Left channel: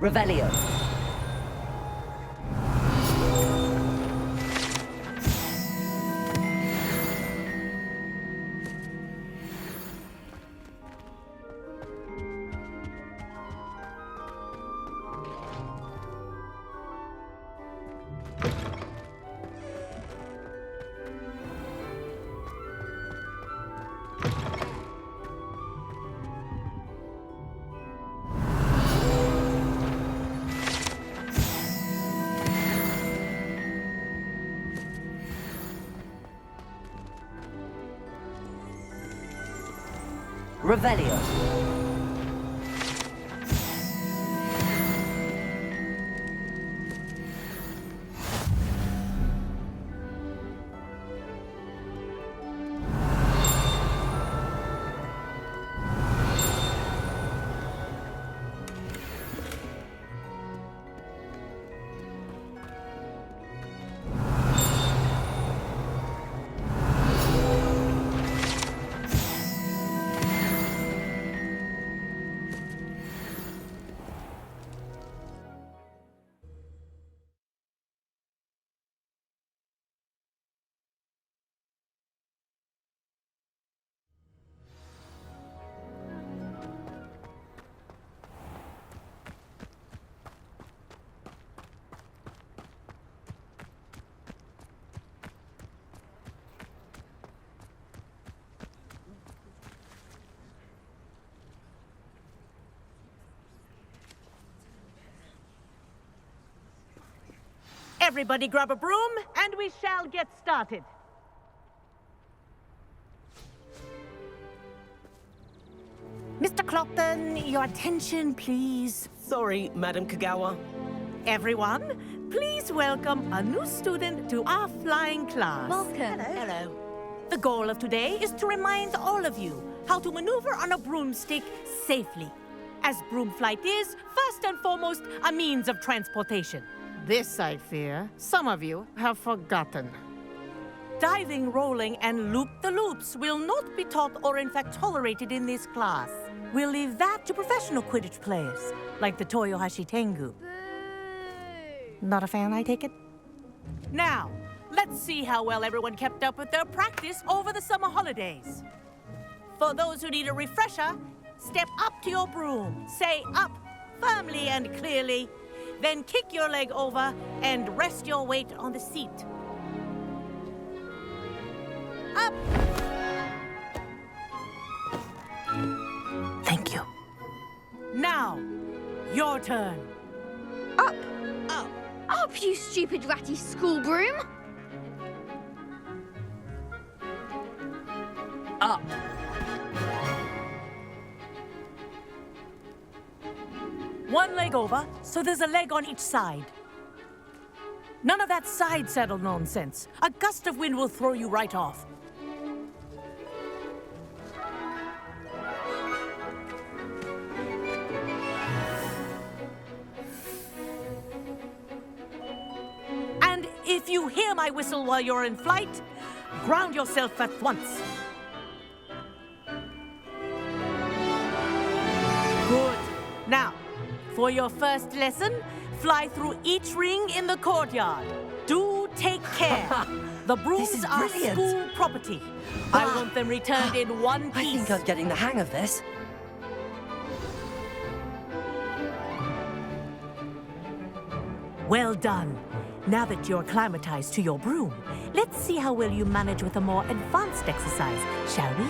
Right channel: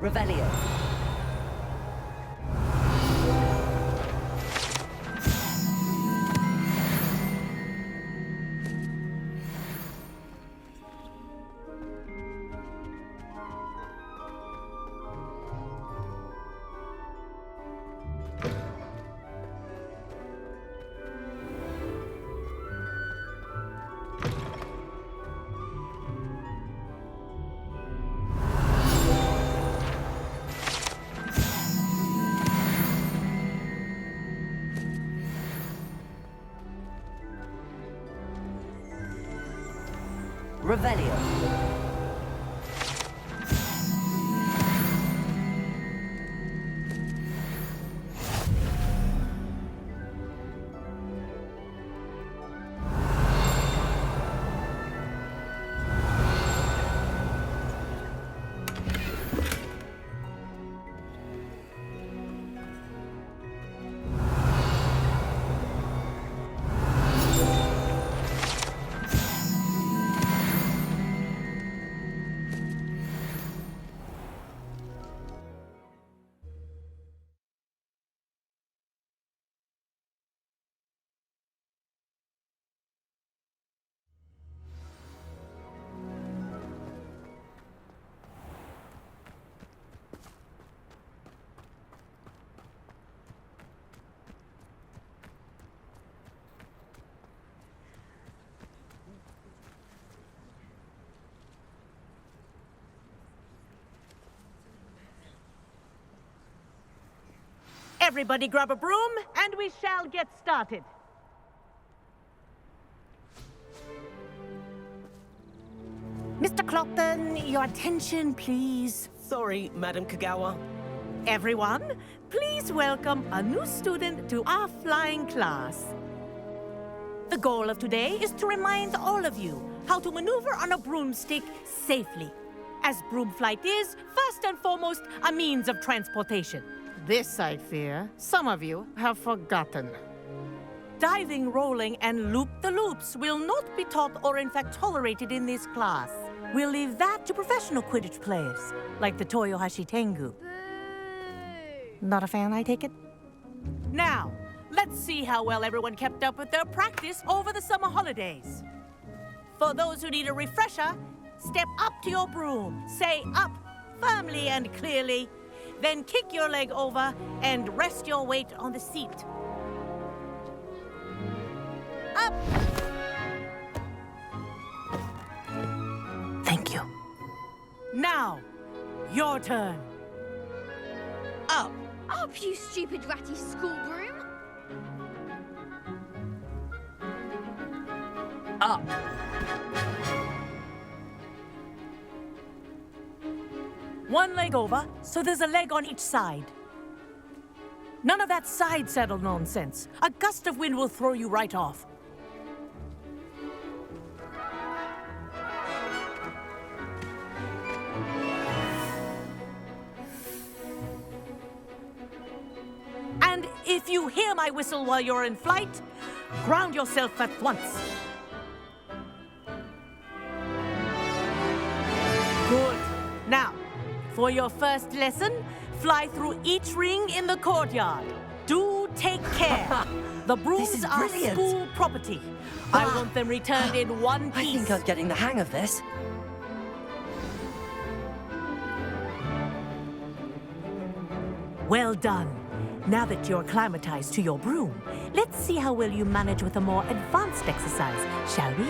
Revelio. Revelio. Everybody grab a broom, and we shall get started. Mr. Clockton, your attention, please. Sorry, Madam Kagawa. Everyone, please welcome a new student to our flying class. Welcome. Hello. The goal of today is to remind all of you how to maneuver on a broomstick safely, as broom flight is, first and foremost, a means of transportation. This, I fear, some of you have forgotten. Diving, rolling, and loop-the-loops will not be taught or in fact tolerated in this class. We'll leave that to professional Quidditch players, like the Toyohashi Tengu. Boo! Not a fan, I take it? Now, let's see how well everyone kept up with their practice over the summer holidays. For those who need a refresher, step up to your broom, say up firmly and clearly, then kick your leg over and rest your weight on the seat. Up! Thank you. Now, your turn. Up! Up! Up, you stupid ratty school broom! Up. One leg over, so there's a leg on each side. None of that side saddle nonsense. A gust of wind will throw you right off. And if you hear my whistle while you're in flight, ground yourself at once. Good. Now, for your first lesson, fly through each ring in the courtyard. Do take care. The brooms is are brilliant. school property. I want them returned in one I piece. think I'm getting the hang of this. Well done. Now that you're acclimatized to your broom, let's see how well you manage with a more advanced exercise, shall we?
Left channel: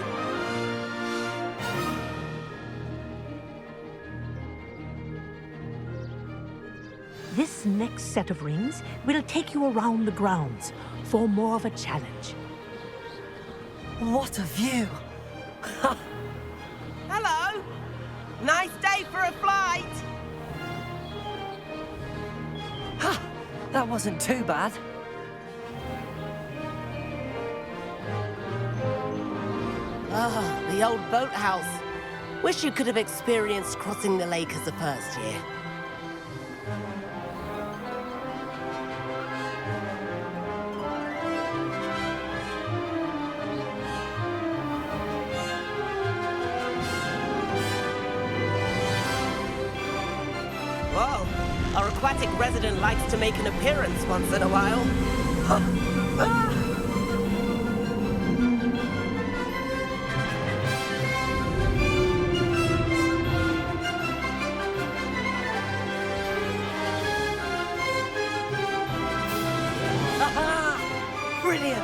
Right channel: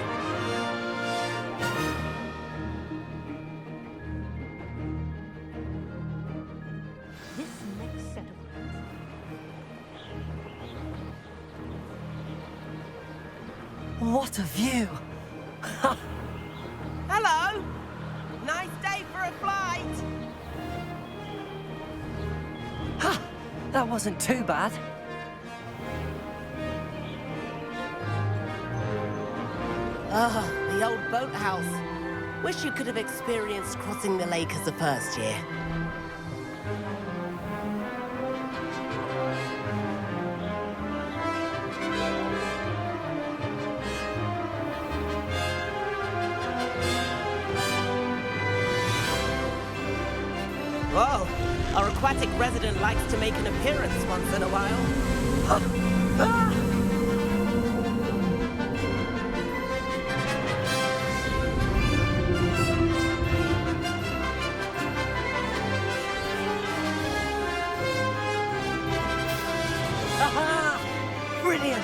This next set of rings will take you around the grounds for more of a challenge. What a view! Hello! Nice day for a flight! Ha! That wasn't too bad. Ah, the old boathouse. Wish you could have experienced crossing the lake as a first year. Whoa, our aquatic resident likes to make an appearance once in a while. Aha! Brilliant!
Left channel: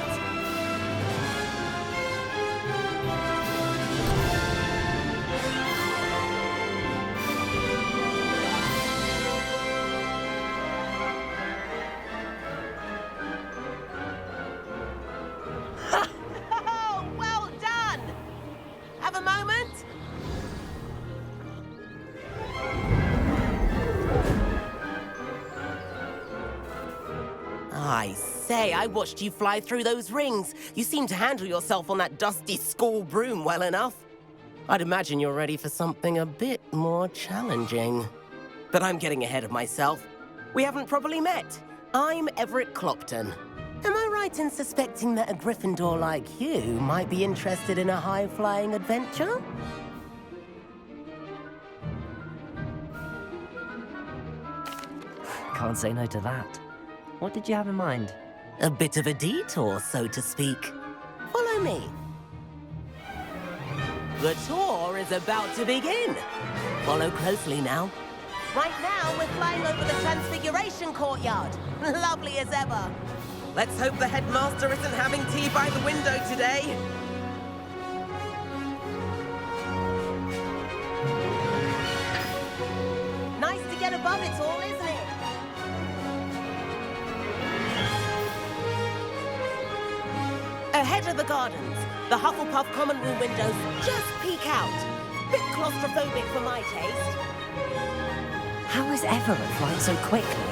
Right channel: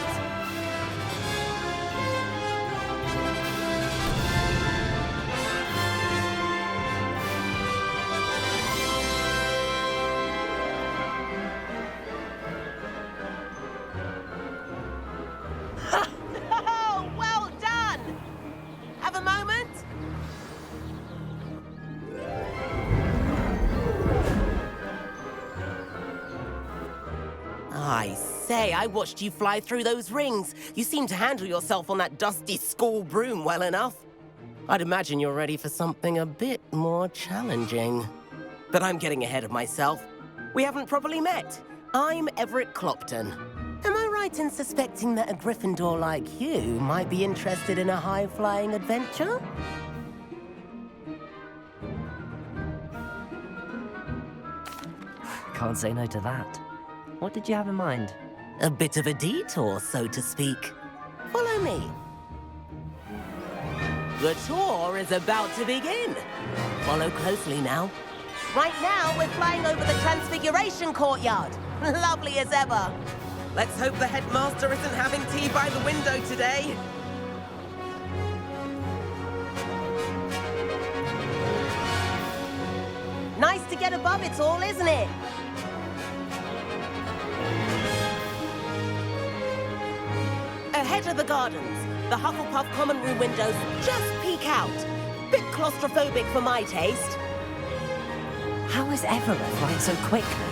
Oh, well done! Have a moment? I say, I watched you fly through those rings. You seem to handle yourself on that dusty school broom well enough. I'd imagine you're ready for something a bit more challenging. But I'm getting ahead of myself. We haven't properly met. I'm Everett Clopton. Am I right in suspecting that a Gryffindor like you might be interested in a high-flying adventure? Can't say no to that. What did you have in mind? A bit of a detour, so to speak. Follow me. The tour is about to begin. Follow closely now. Right now, we're flying over the Transfiguration Courtyard. Lovely as ever. Let's hope the headmaster isn't having tea by the window today. Nice to get above it all, isn't it? Ahead of the gardens, the Hufflepuff common room windows just peek out. Bit claustrophobic for my taste. How is Everett flying so quickly?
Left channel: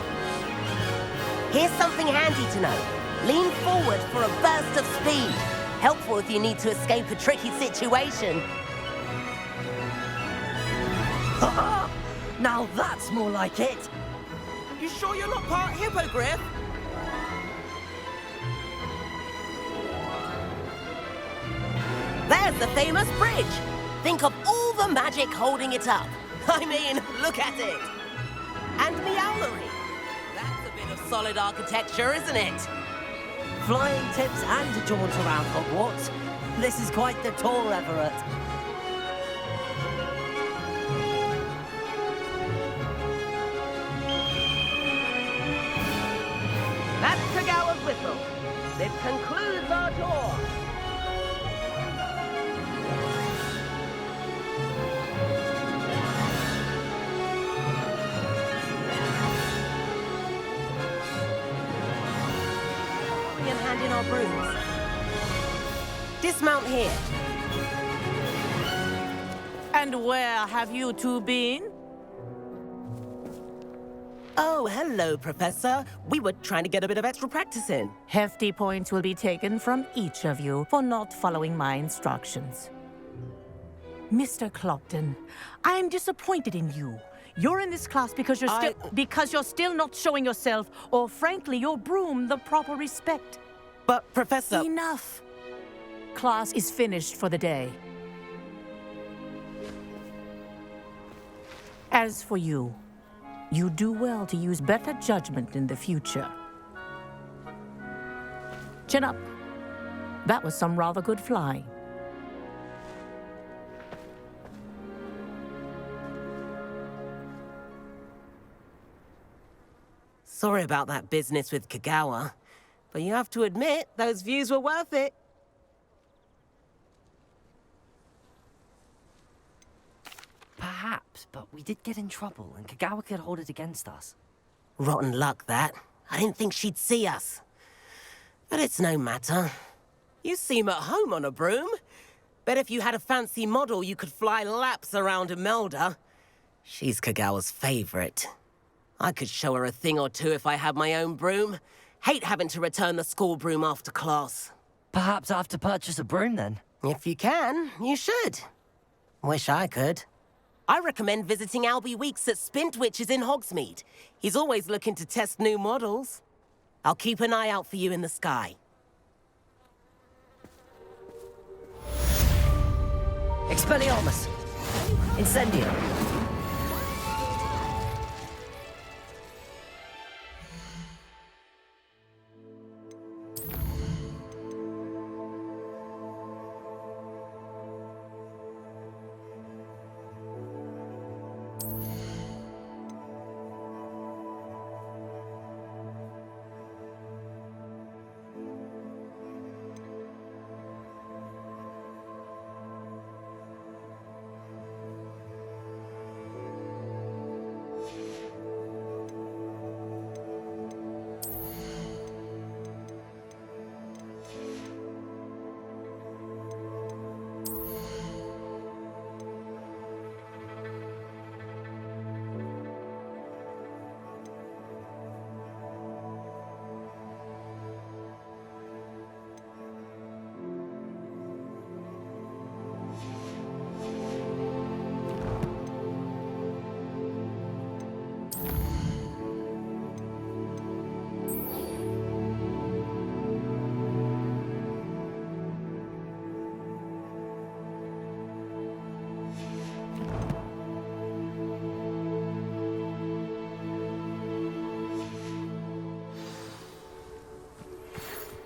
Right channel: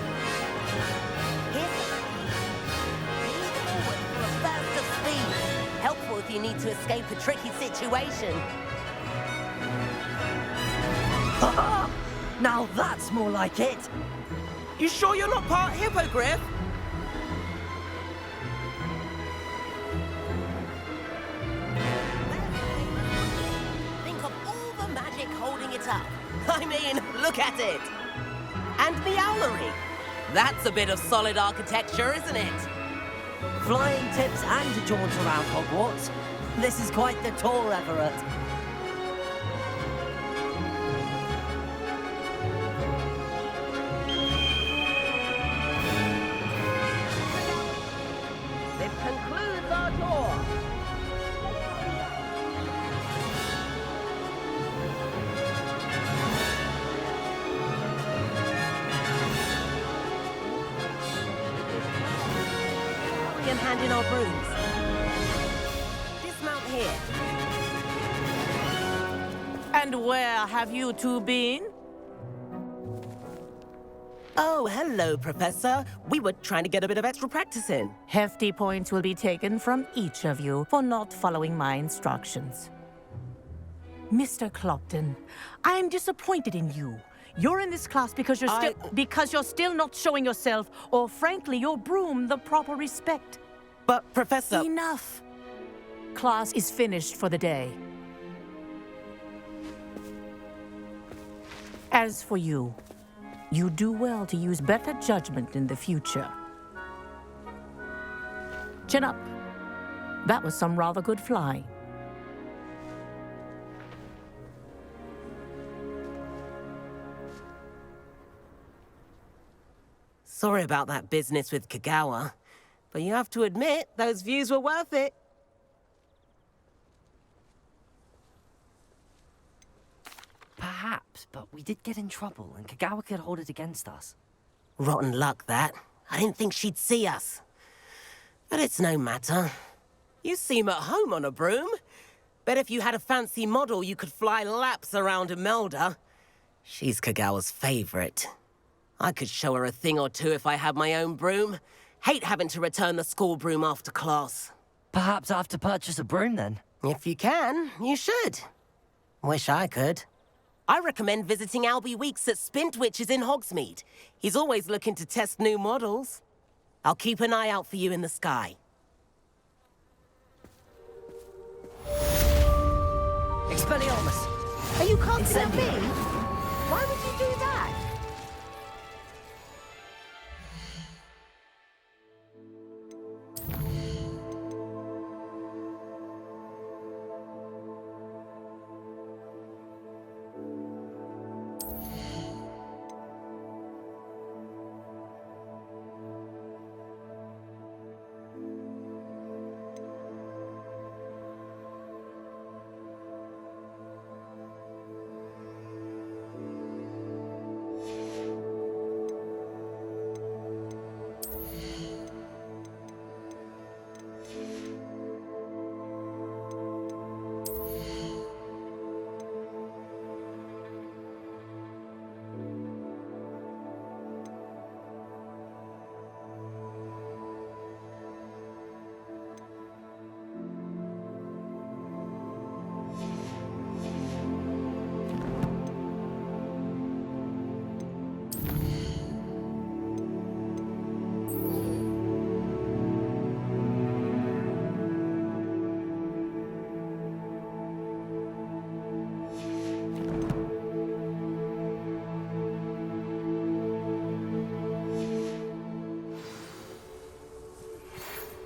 Here's something handy to know. Lean forward for a burst of speed. Helpful if you need to escape a tricky situation. Now that's more like it! You sure you're not part hippogriff? There's the famous bridge. Think of all the magic holding it up. I mean, look at it. And Meowlery. That's a bit of solid architecture, isn't it? Flying tips and a jaunt around Hogwarts. This is quite the tour, Everett. That's Kagawa's whistle. This concludes our tour. And hand in our brooms. Dismount here. And where have you two been? Oh, hello, Professor. We were trying to get a bit of extra practice in. Hefty points will be taken from each of you for not following my instructions. Mr. Clopton, I'm disappointed in you. You're in this class because you're still not showing yourself, or frankly, your broom, the proper respect. But, Professor... Enough. Class is finished for the day. As for you, you do well to use better judgment in the future. Chin up. That was some rather good flying. Sorry about that business with Kagawa, but you have to admit, those views were worth it. Perhaps, but we did get in trouble, and Kagawa could hold it against us. Rotten luck, that. I didn't think she'd see us. But it's no matter. You seem at home on a broom. Bet if you had a fancy model, you could fly laps around Imelda. She's Kagawa's favorite. I could show her a thing or two if I had my own broom. Hate having to return the school broom after class. Perhaps I have to purchase a broom, then? If you can, you should. Wish I could. I recommend visiting Albie Weeks at Spintwitches in Hogsmeade. He's always looking to test new models. I'll keep an eye out for you in the sky. Expelliarmus! Are you confident? Incendio! Why would you do that?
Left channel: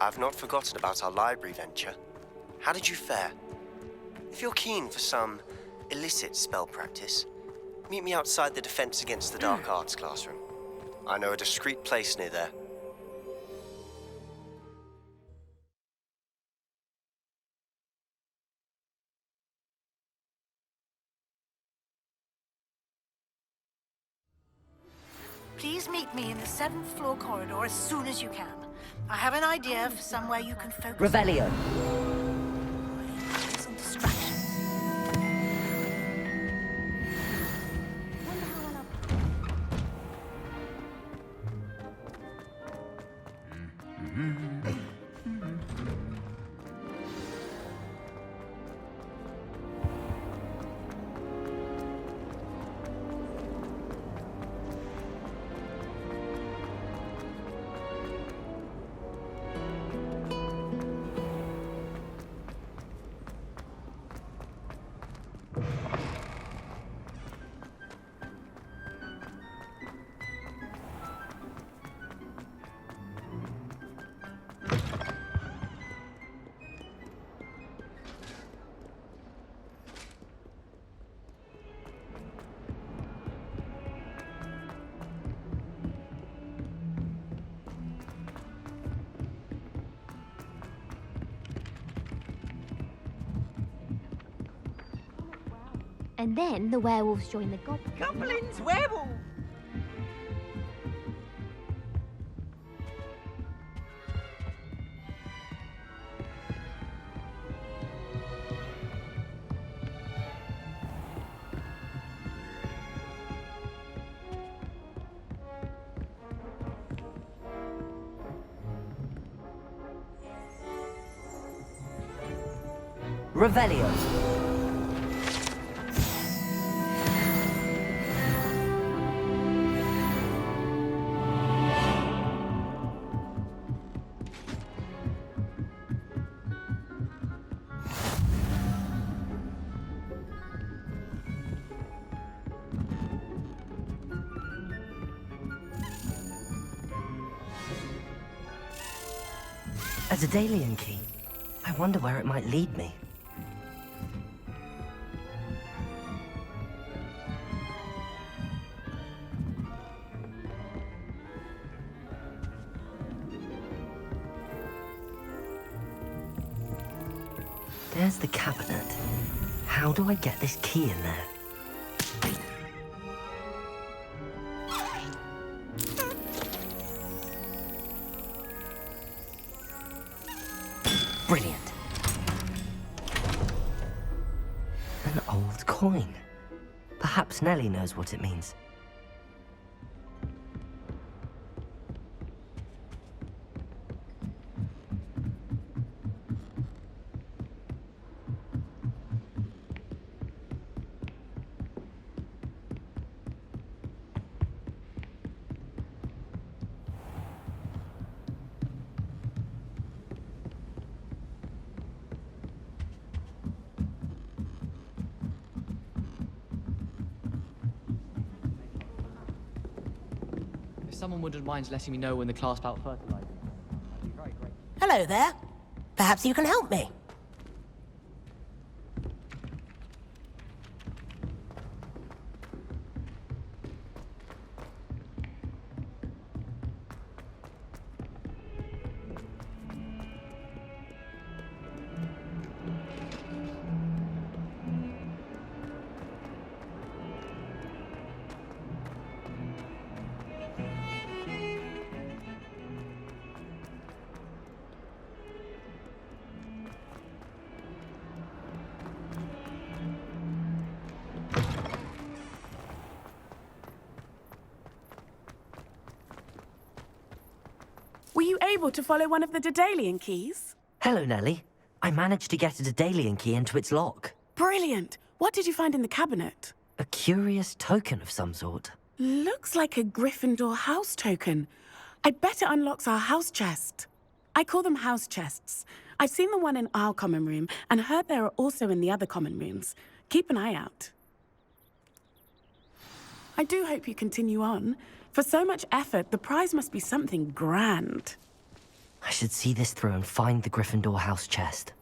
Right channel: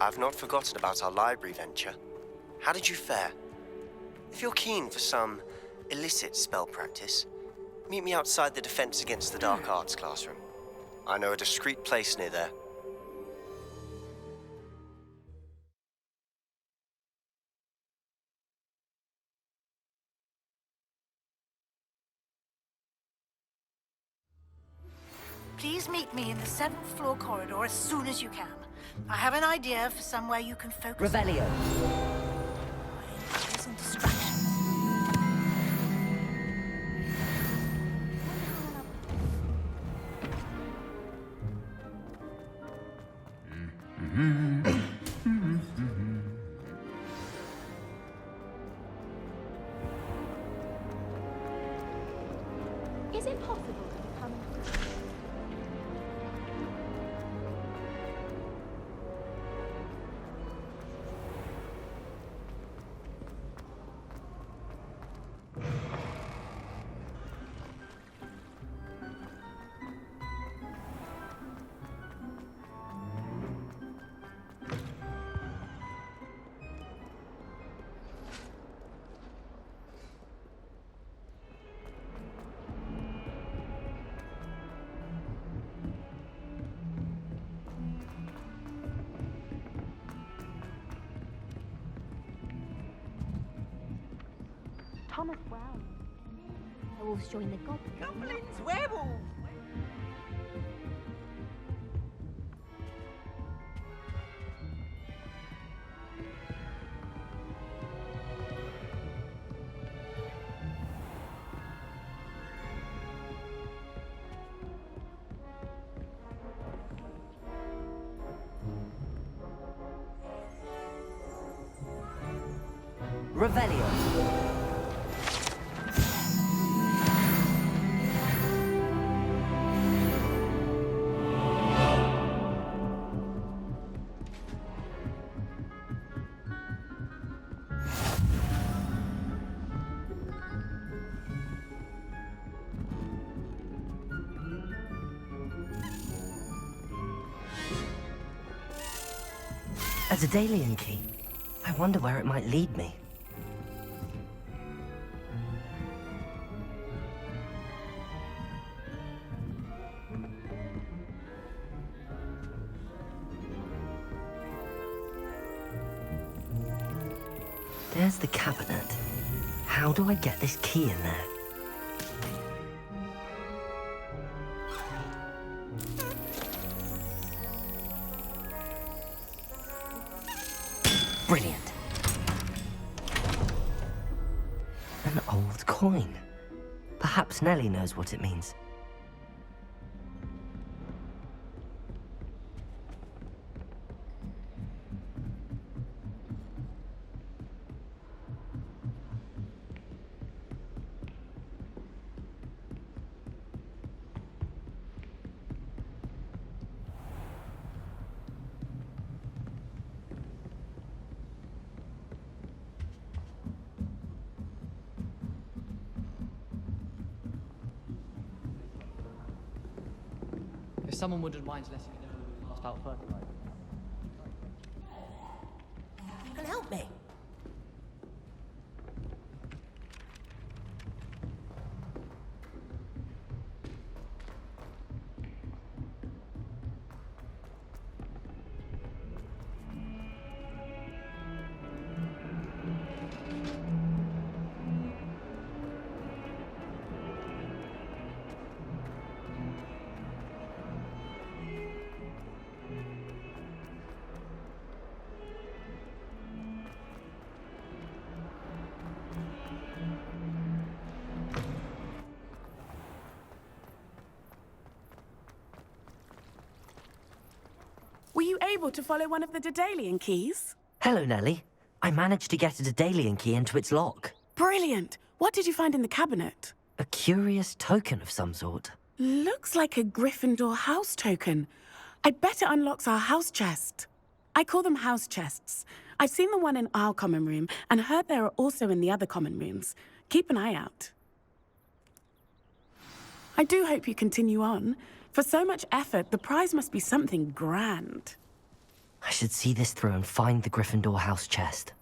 I've not forgotten about our library venture. How did you fare? If you're keen for some illicit spell practice, meet me outside the Defense Against the Dark Arts classroom. I know a discreet place near there. Please meet me in the 7th floor corridor as soon as you can. I have an idea for somewhere you can focus. Revelio. Some distractions. Is it possible? And then the werewolves join the goblins. Goblins, werewolves! Revelio. A Daedalian key. I wonder where it might lead me. There's the cabinet. How do I get this key in there? Brilliant. An old coin. Perhaps Nellie knows what it means. If someone wouldn't mind letting me know when the class bout fertilizer. That'd be very great. Hello there. Perhaps you can help me. Were you able to follow one of the Daedalian keys? Hello, Nellie. I managed to get a Daedalian key into its lock. Brilliant! What did you find in the cabinet? A curious token of some sort. Looks like a Gryffindor house token. I bet it unlocks our house chest. I call them house chests. I've seen the one in our common room and heard there are also in the other common rooms. Keep an eye out. I do hope you continue on. For so much effort, the prize must be something grand. I should see this through and find the Gryffindor house chest.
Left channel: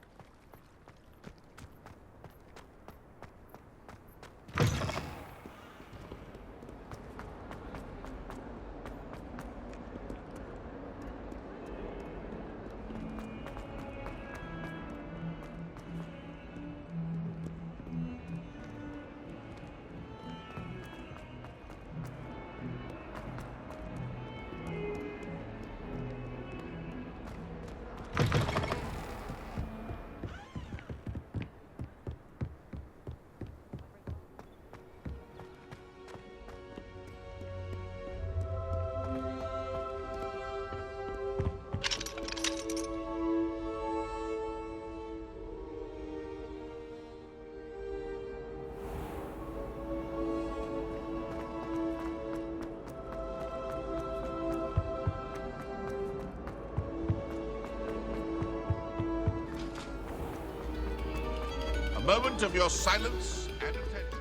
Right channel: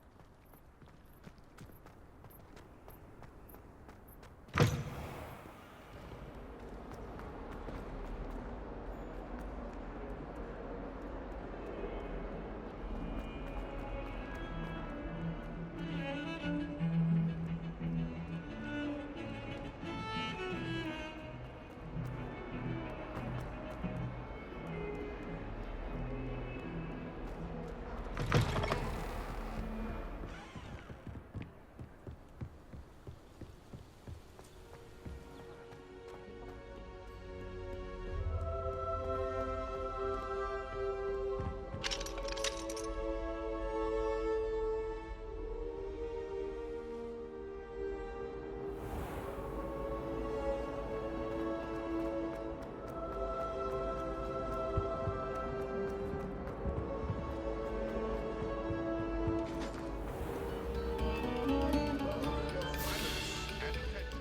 A moment of your silence and attention.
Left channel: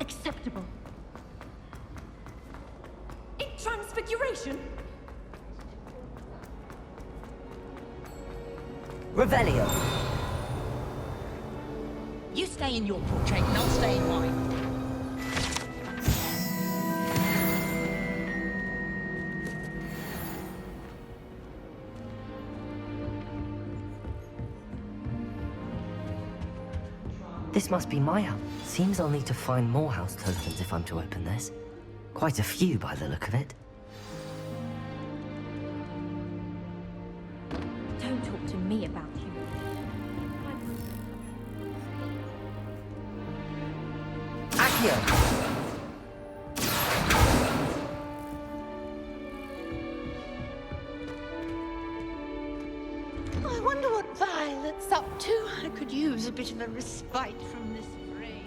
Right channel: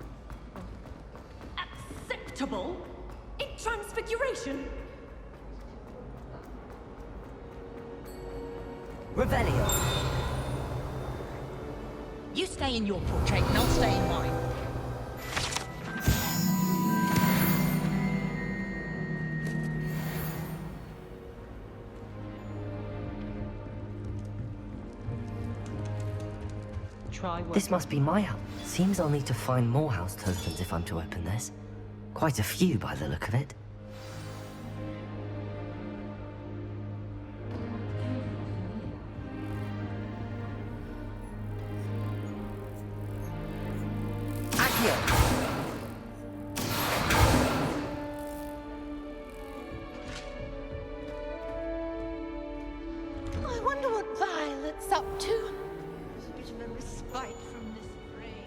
Acceptable. Acceptable? In Transfiguration? Revelio. You stay in your portrait and I'll stay in mine. This must be my house. Seems I'll need to find more house tokens if I'm to open this. Quite a few by the look of it. Don't talk to me about you. Accio! I wonder what Violet's up to. I could use a bit of a respite from this rain.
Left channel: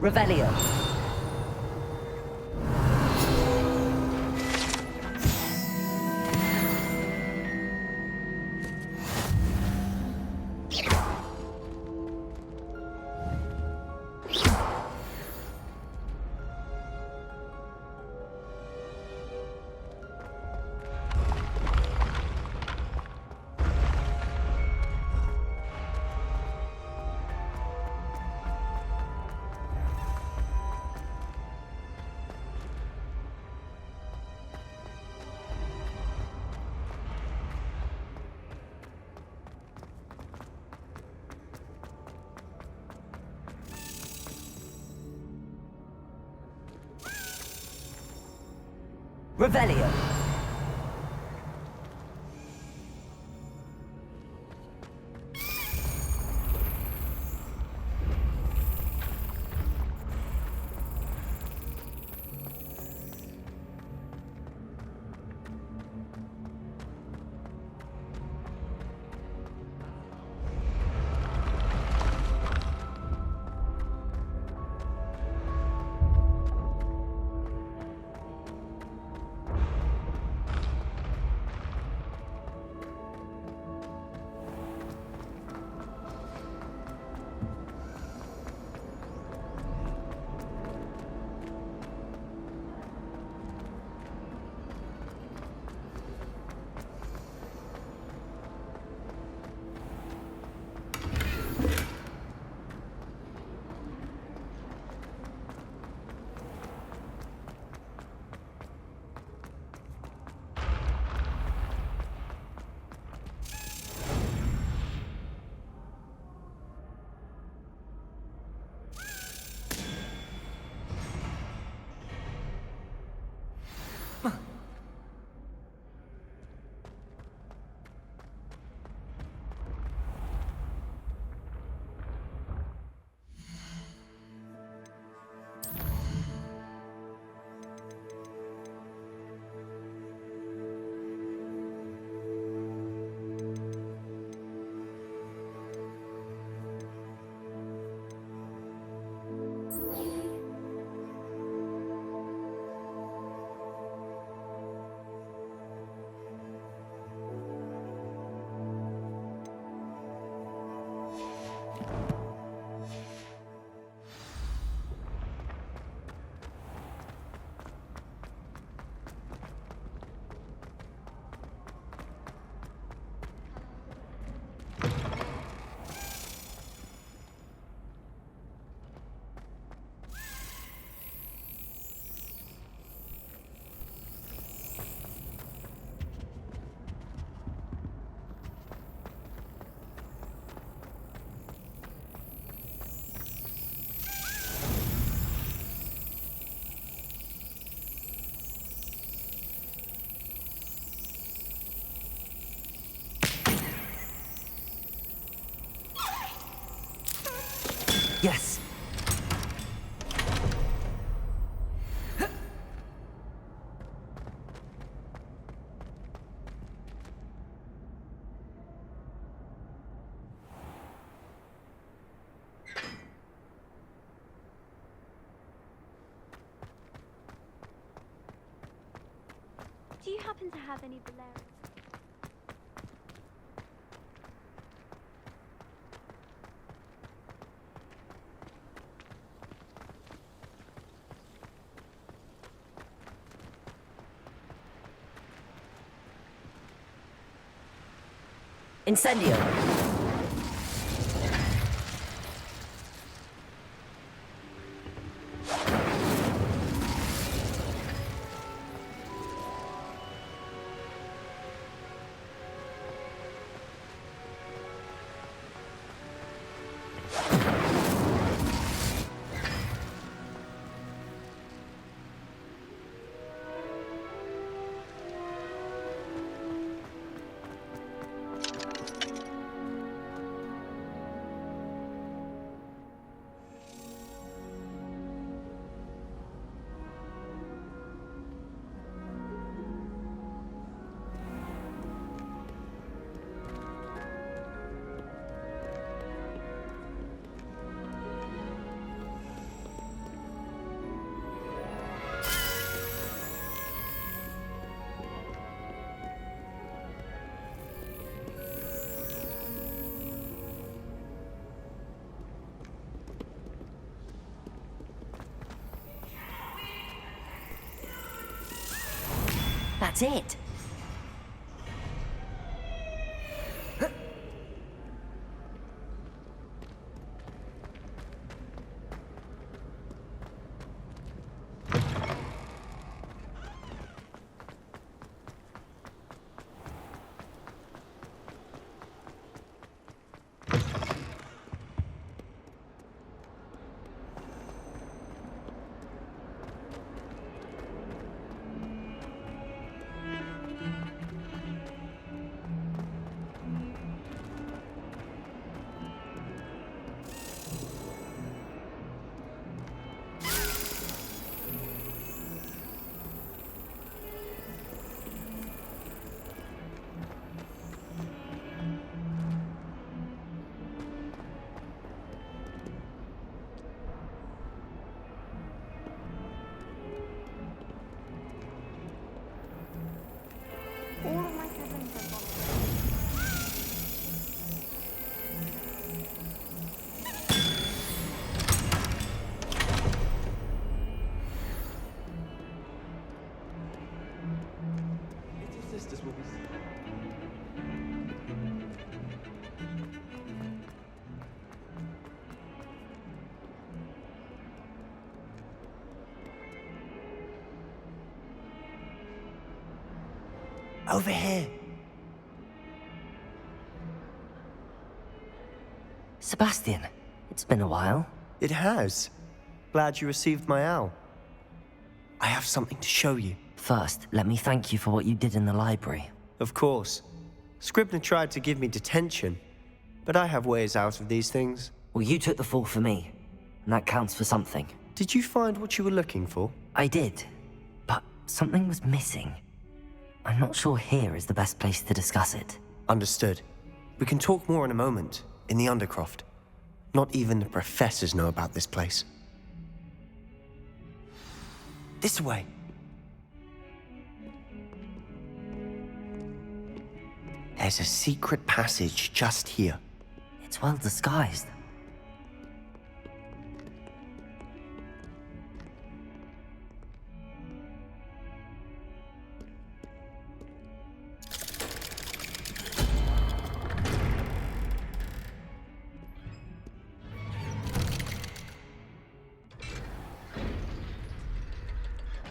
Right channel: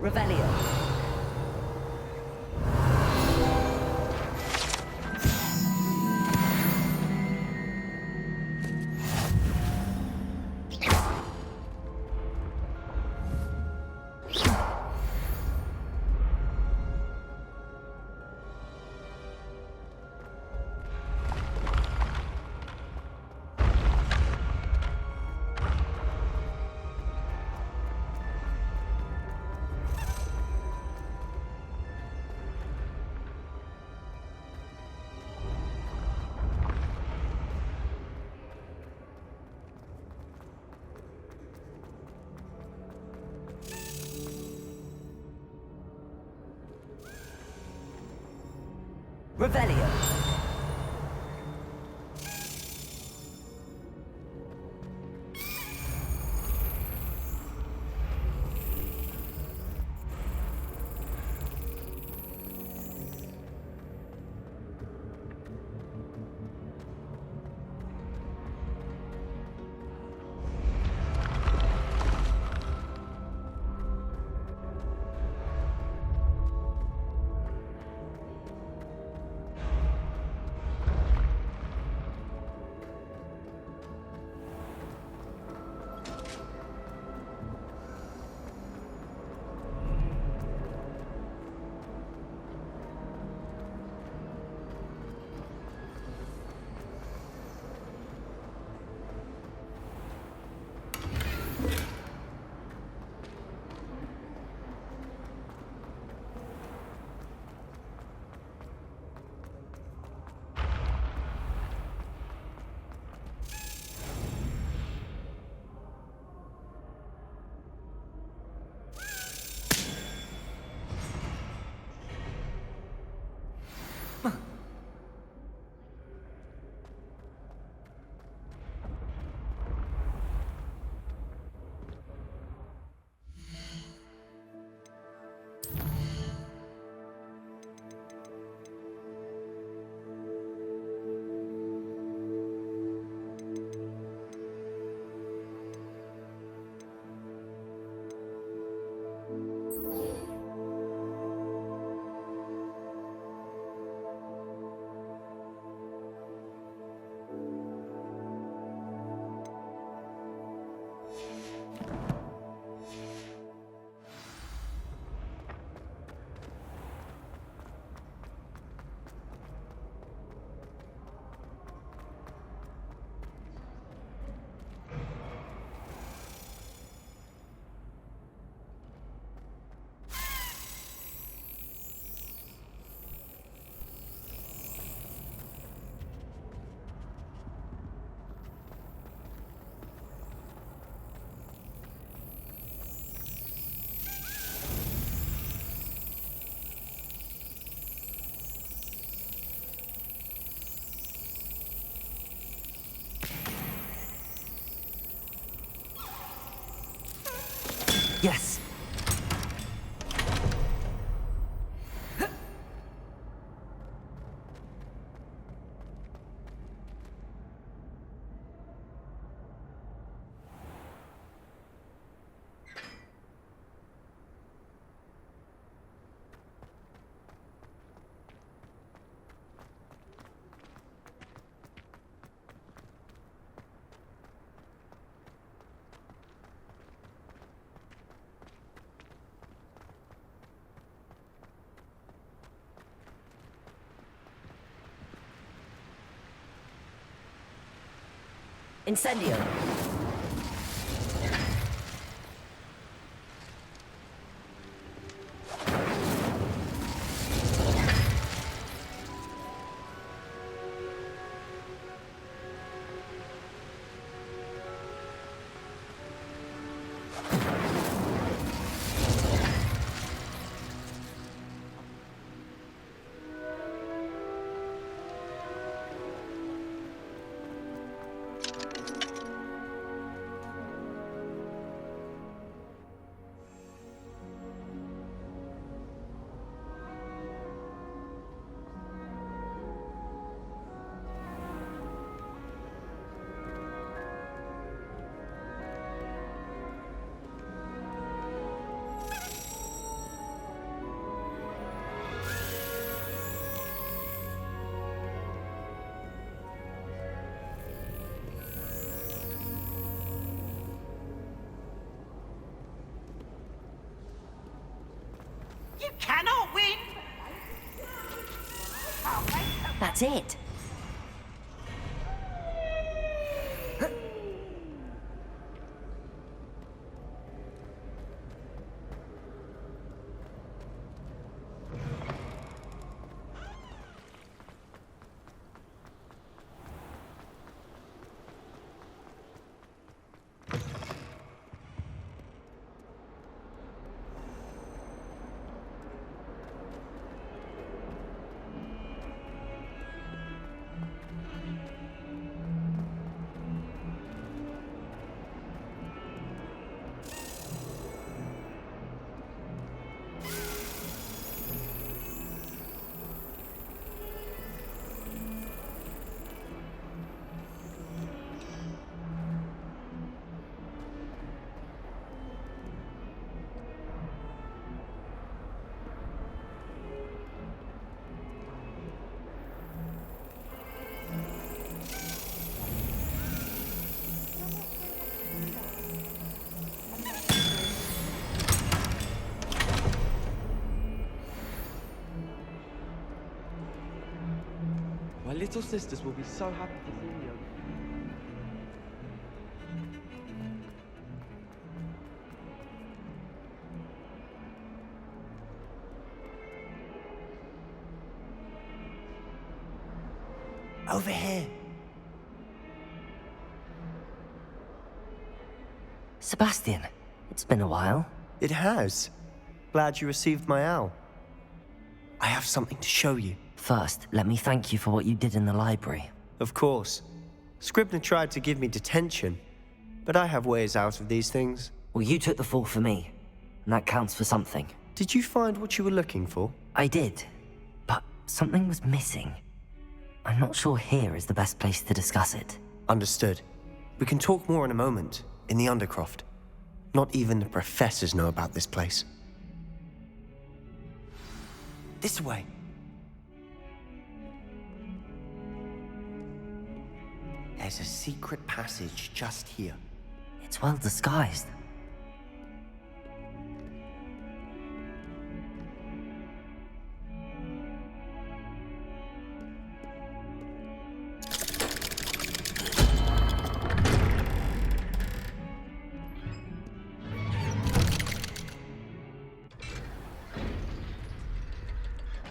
Revelio. Revelio. Yes. Do you happen to have any Valerian? Incendio. You cannot win! That's it. My little sisters will be so happy to see you. Over here. Sebastian, it's been a while. It has. Glad you received my owl. I have something to show you. First, let me thank you for what you did in the library. Of course. Scribner tried to give me detention, but I have ways out of these things. Well, you took the fall for me, and that counts for something. Did you find what you were looking for? I did, but something was missing. I'm not sure here is the best place to discuss it. Understood. We can talk more in a moment, in the Undercroft. Not even the professors know about this place. This way. There's a secret passage just here. It's well disguised.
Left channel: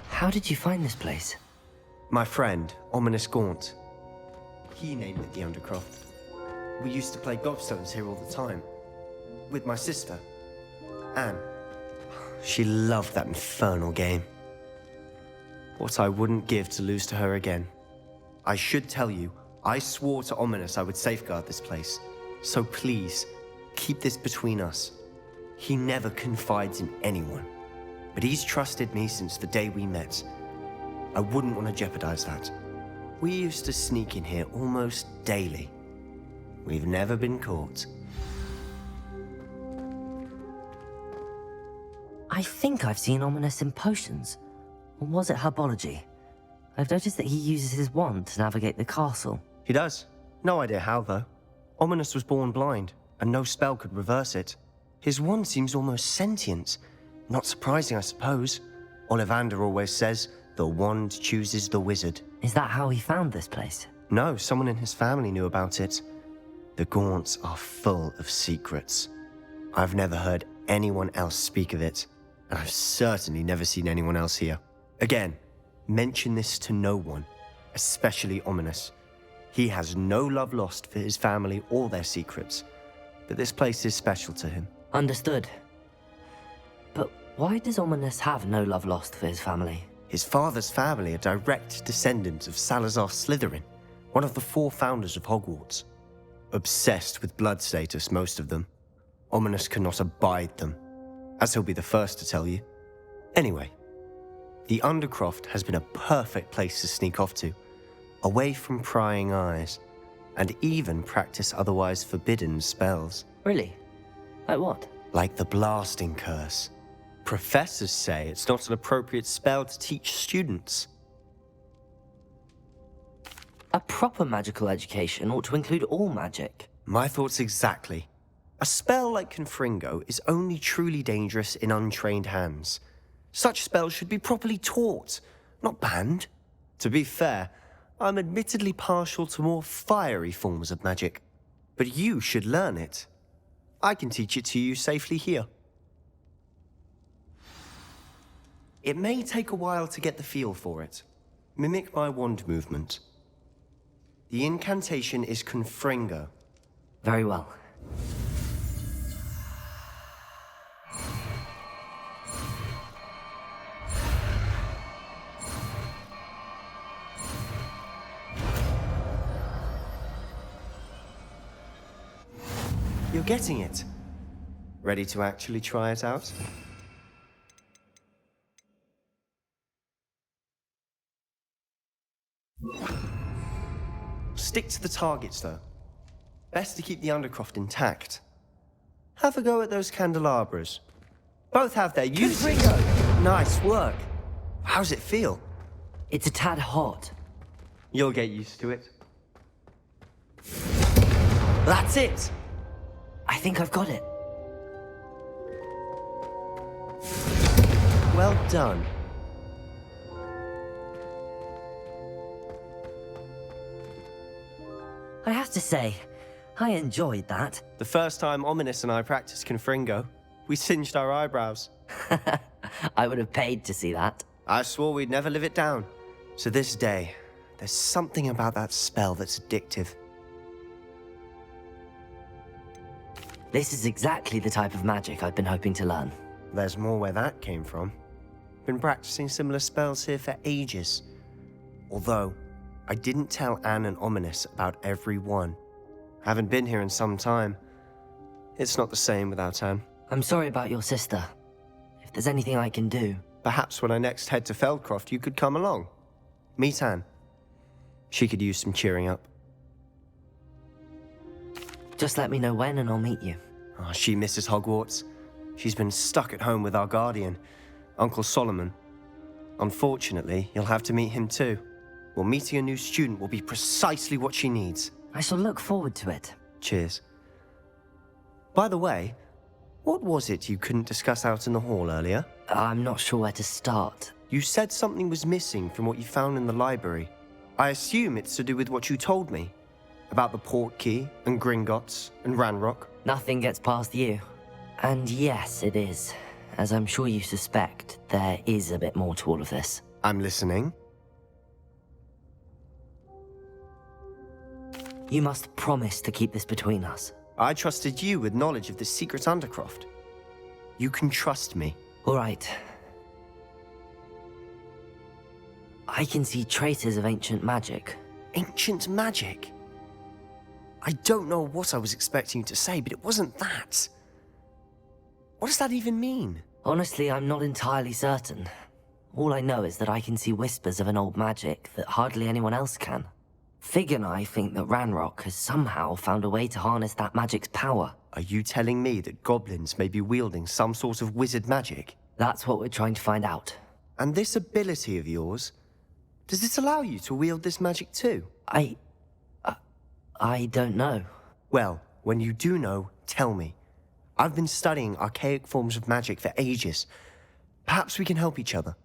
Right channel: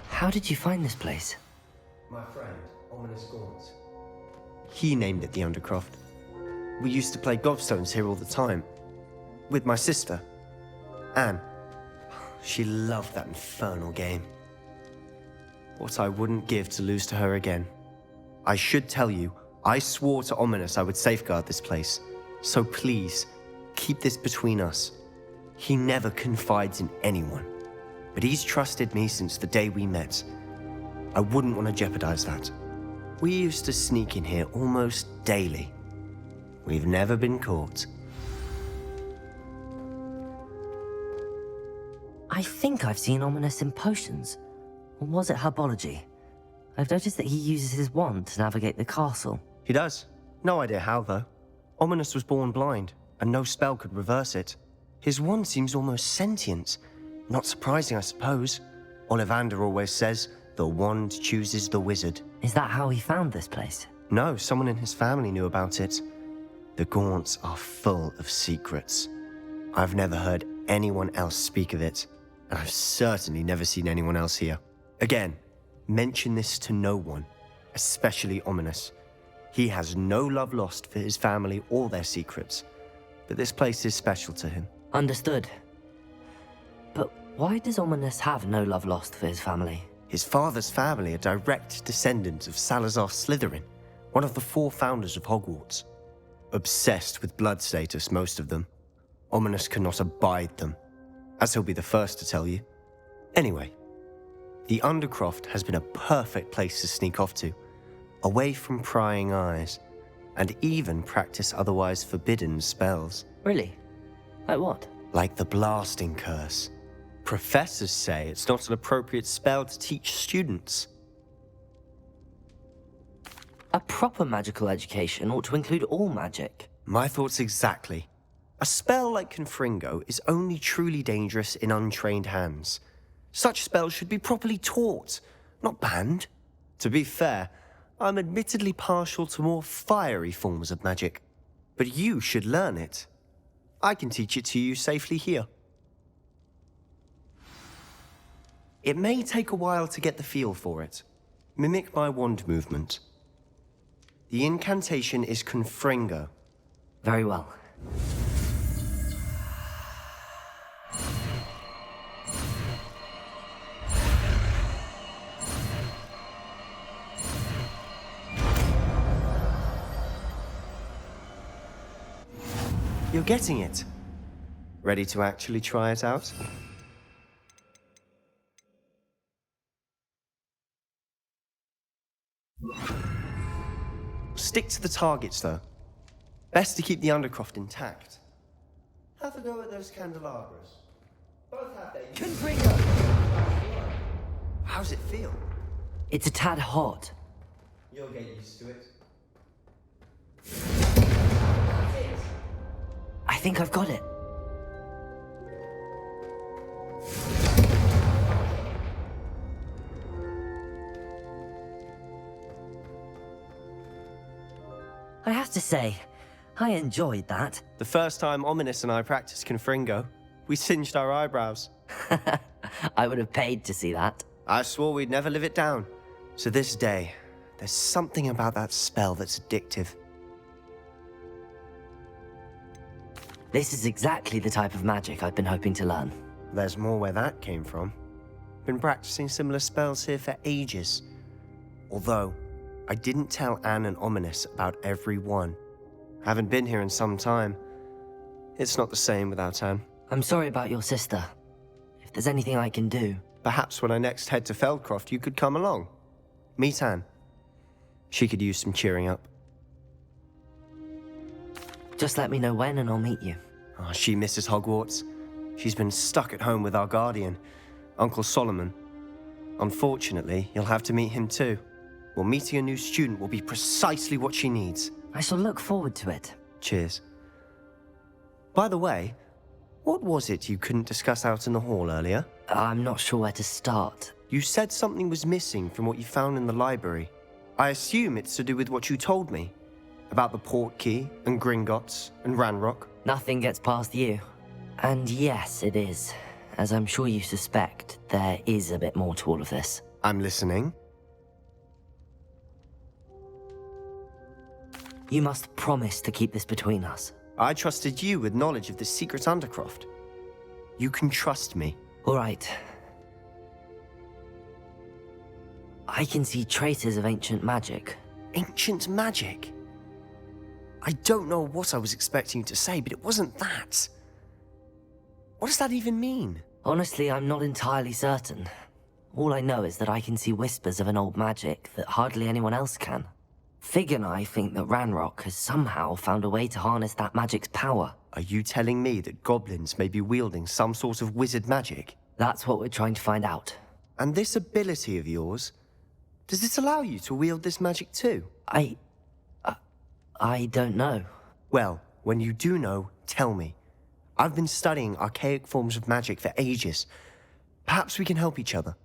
How did you find this place? My friend, Ominous Gaunt. He named it the Undercroft. We used to play gobstones here all the time. With my sister, Anne. She loved that infernal game. What I wouldn't give to lose to her again. I should tell you, I swore to Ominous I would safeguard this place. So please, keep this between us. He never confides in anyone. But he's trusted me since the day we met. I wouldn't want to jeopardize that. We used to sneak in here almost daily. We've never been caught. I think I've seen Ominous in potions. Or was it herbology? I've noticed that he uses his wand to navigate the castle. He does. No idea how, though. Ominous was born blind, and no spell could reverse it. His wand seems almost sentient. Not surprising, I suppose. Ollivander always says, the wand chooses the wizard. Is that how he found this place? No, someone in his family knew about it. The Gaunts are full of secrets. I've never heard anyone else speak of it, and I've certainly never seen anyone else here. Again, mention this to no one, especially Ominous. He has no love lost for his family or their secrets, but this place is special to him. Understood. But why does Ominous have no love lost for his family? His father's family are direct descendants of Salazar Slytherin, one of the 4 founders of Hogwarts. Obsessed with blood status, most of them. Ominous cannot abide them, as he'll be the first to tell you. Anyway, the Undercroft has been a perfect place to sneak off to, away from prying eyes, and even practice otherwise forbidden spells. Really? Like what? Like the blasting curse. Professors say it's not an appropriate spell to teach students. A proper magical education ought to include all magic. My thoughts exactly. A spell like Confringo is only truly dangerous in untrained hands. Such spells should be properly taught, not banned. To be fair, I'm admittedly partial to more fiery forms of magic. But you should learn it. I can teach it to you safely here. It may take a while to get the feel for it. Mimic my wand movement. The incantation is Confringo. Very well. You're getting it. Ready to actually try it out? Stick to the targets, though. Best to keep the Undercroft intact. Have a go at those candelabras. Both have their use. Nice work. How's it feel? It's a tad hot. You'll get used to it. That's it. I think I've got it. Well done. I have to say, I enjoyed that. The first time Ominous and I practiced Confringo, we singed our eyebrows. I would have paid to see that. I swore we'd never live it down. To this day, there's something about that spell that's addictive. This is exactly the type of magic I've been hoping to learn. There's more where that came from. Been practicing similar spells here for ages. Although, I didn't tell Anne and Ominous about every one. Haven't been here in some time. It's not the same without Anne. I'm sorry about your sister. If there's anything I can do... Perhaps when I next head to Feldcroft, you could come along. Meet Anne. She could use some cheering up. Just let me know when and I'll meet you. Oh, she misses Hogwarts. She's been stuck at home with our guardian, Uncle Solomon. Unfortunately, you'll have to meet him too. Well, meeting a new student will be precisely what she needs. I shall look forward to it. Cheers. By the way, what was it you couldn't discuss out in the hall earlier? I'm not sure where to start. You said something was missing from what you found in the library. I assume it's to do with what you told me. About the Portkey, and Gringotts, and Ranrock. Nothing gets past you. And yes, it is. As I'm sure you suspect, there is a bit more to all of this. I'm listening. You must promise to keep this between us. I trusted you with knowledge of the secret Undercroft. You can trust me. All right. I can see traces of ancient magic. Ancient magic? I don't know what I was expecting you to say, but it wasn't that. What does that even mean? Honestly, I'm not entirely certain. All I know is that I can see whispers of an old magic that hardly anyone else can. Fig and I think that Ranrock has somehow found a way to harness that magic's power. Are you telling me that goblins may be wielding some sort of wizard magic? That's what we're trying to find out. And this ability of yours, does it allow you to wield this magic too? I don't know. Well, when you do know, tell me. I've been studying archaic forms of magic for ages. Perhaps we can help each other.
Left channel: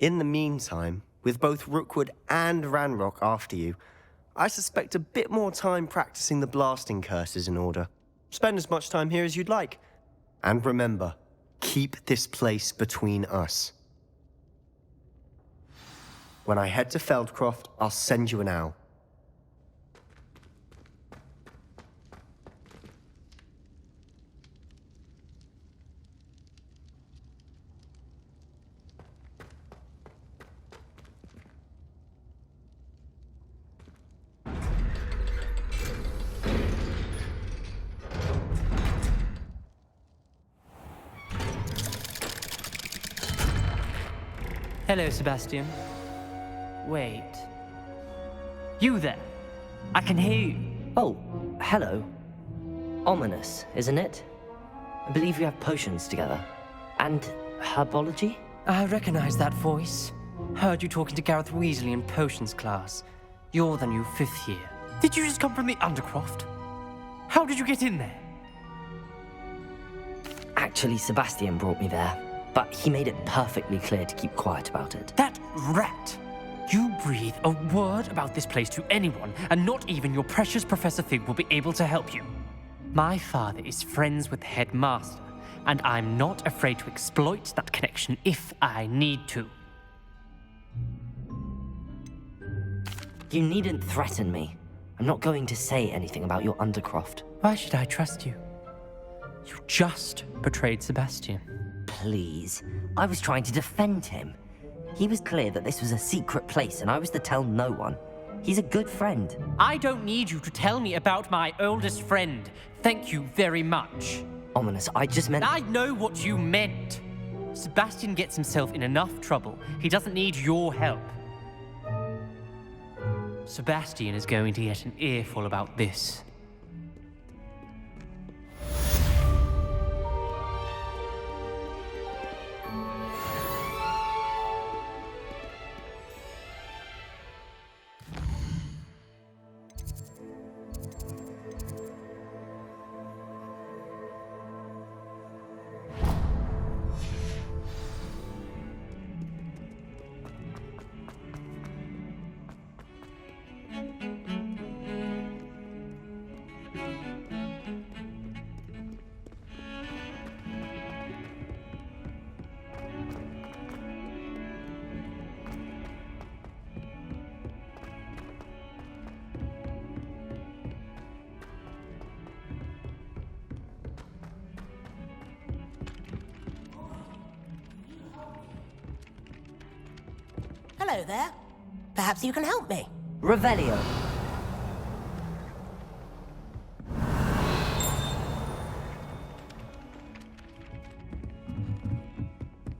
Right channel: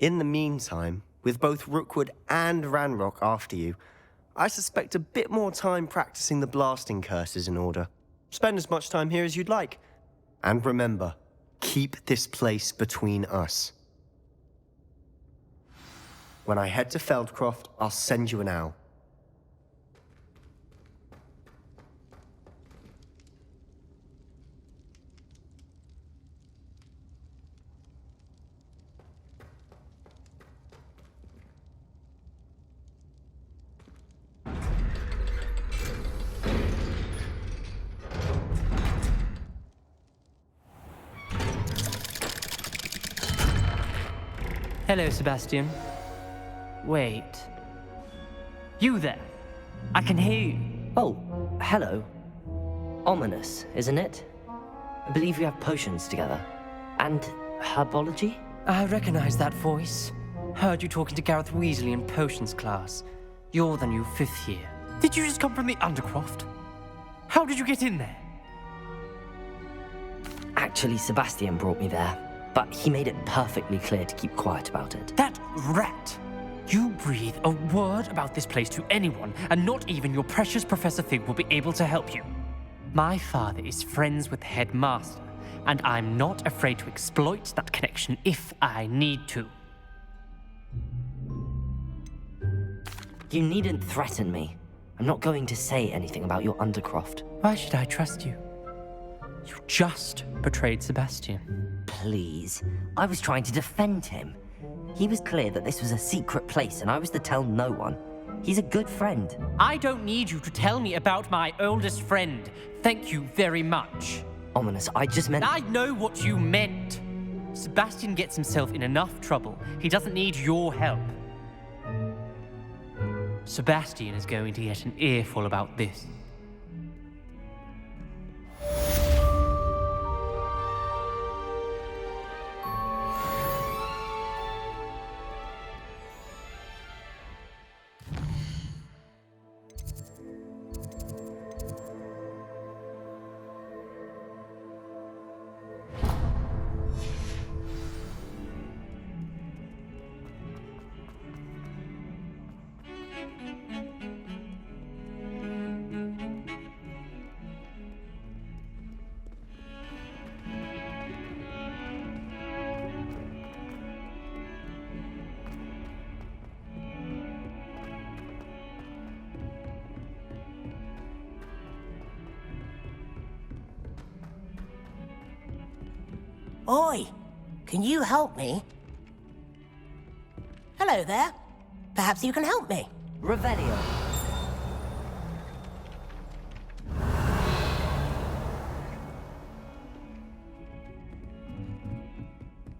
In the meantime, with both Rookwood and Ranrock after you, I suspect a bit more time practicing the blasting curse is in order. Spend as much time here as you'd like. And remember, keep this place between us. When I head to Feldcroft, I'll send you an owl. Hello, Sebastian. Wait. You there? I can hear you. Oh, hello. Ominous, isn't it? I believe you have potions together. And herbology? I recognize that voice. Heard you talking to Gareth Weasley in potions class. You're the new 5th year. Did you just come from the Undercroft? How did you get in there? Actually, Sebastian brought me there. But he made it perfectly clear to keep quiet about it. That rat! You breathe a word about this place to anyone, and not even your precious Professor Fig will be able to help you. My father is friends with the headmaster, and I'm not afraid to exploit that connection if I need to. You needn't threaten me. I'm not going to say anything about your Undercroft. Why should I trust you? You just betrayed Sebastian. Please. I was trying to defend him. He was clear that this was a secret place and I was to tell no one. He's a good friend. I don't need you to tell me about my oldest friend. Thank you very much. Ominous, I just meant... I know what you meant. Sebastian gets himself in enough trouble. He doesn't need your help. Sebastian is going to get an earful about this. Oi, can you help me? Hello there. Perhaps you can help me. Revelio.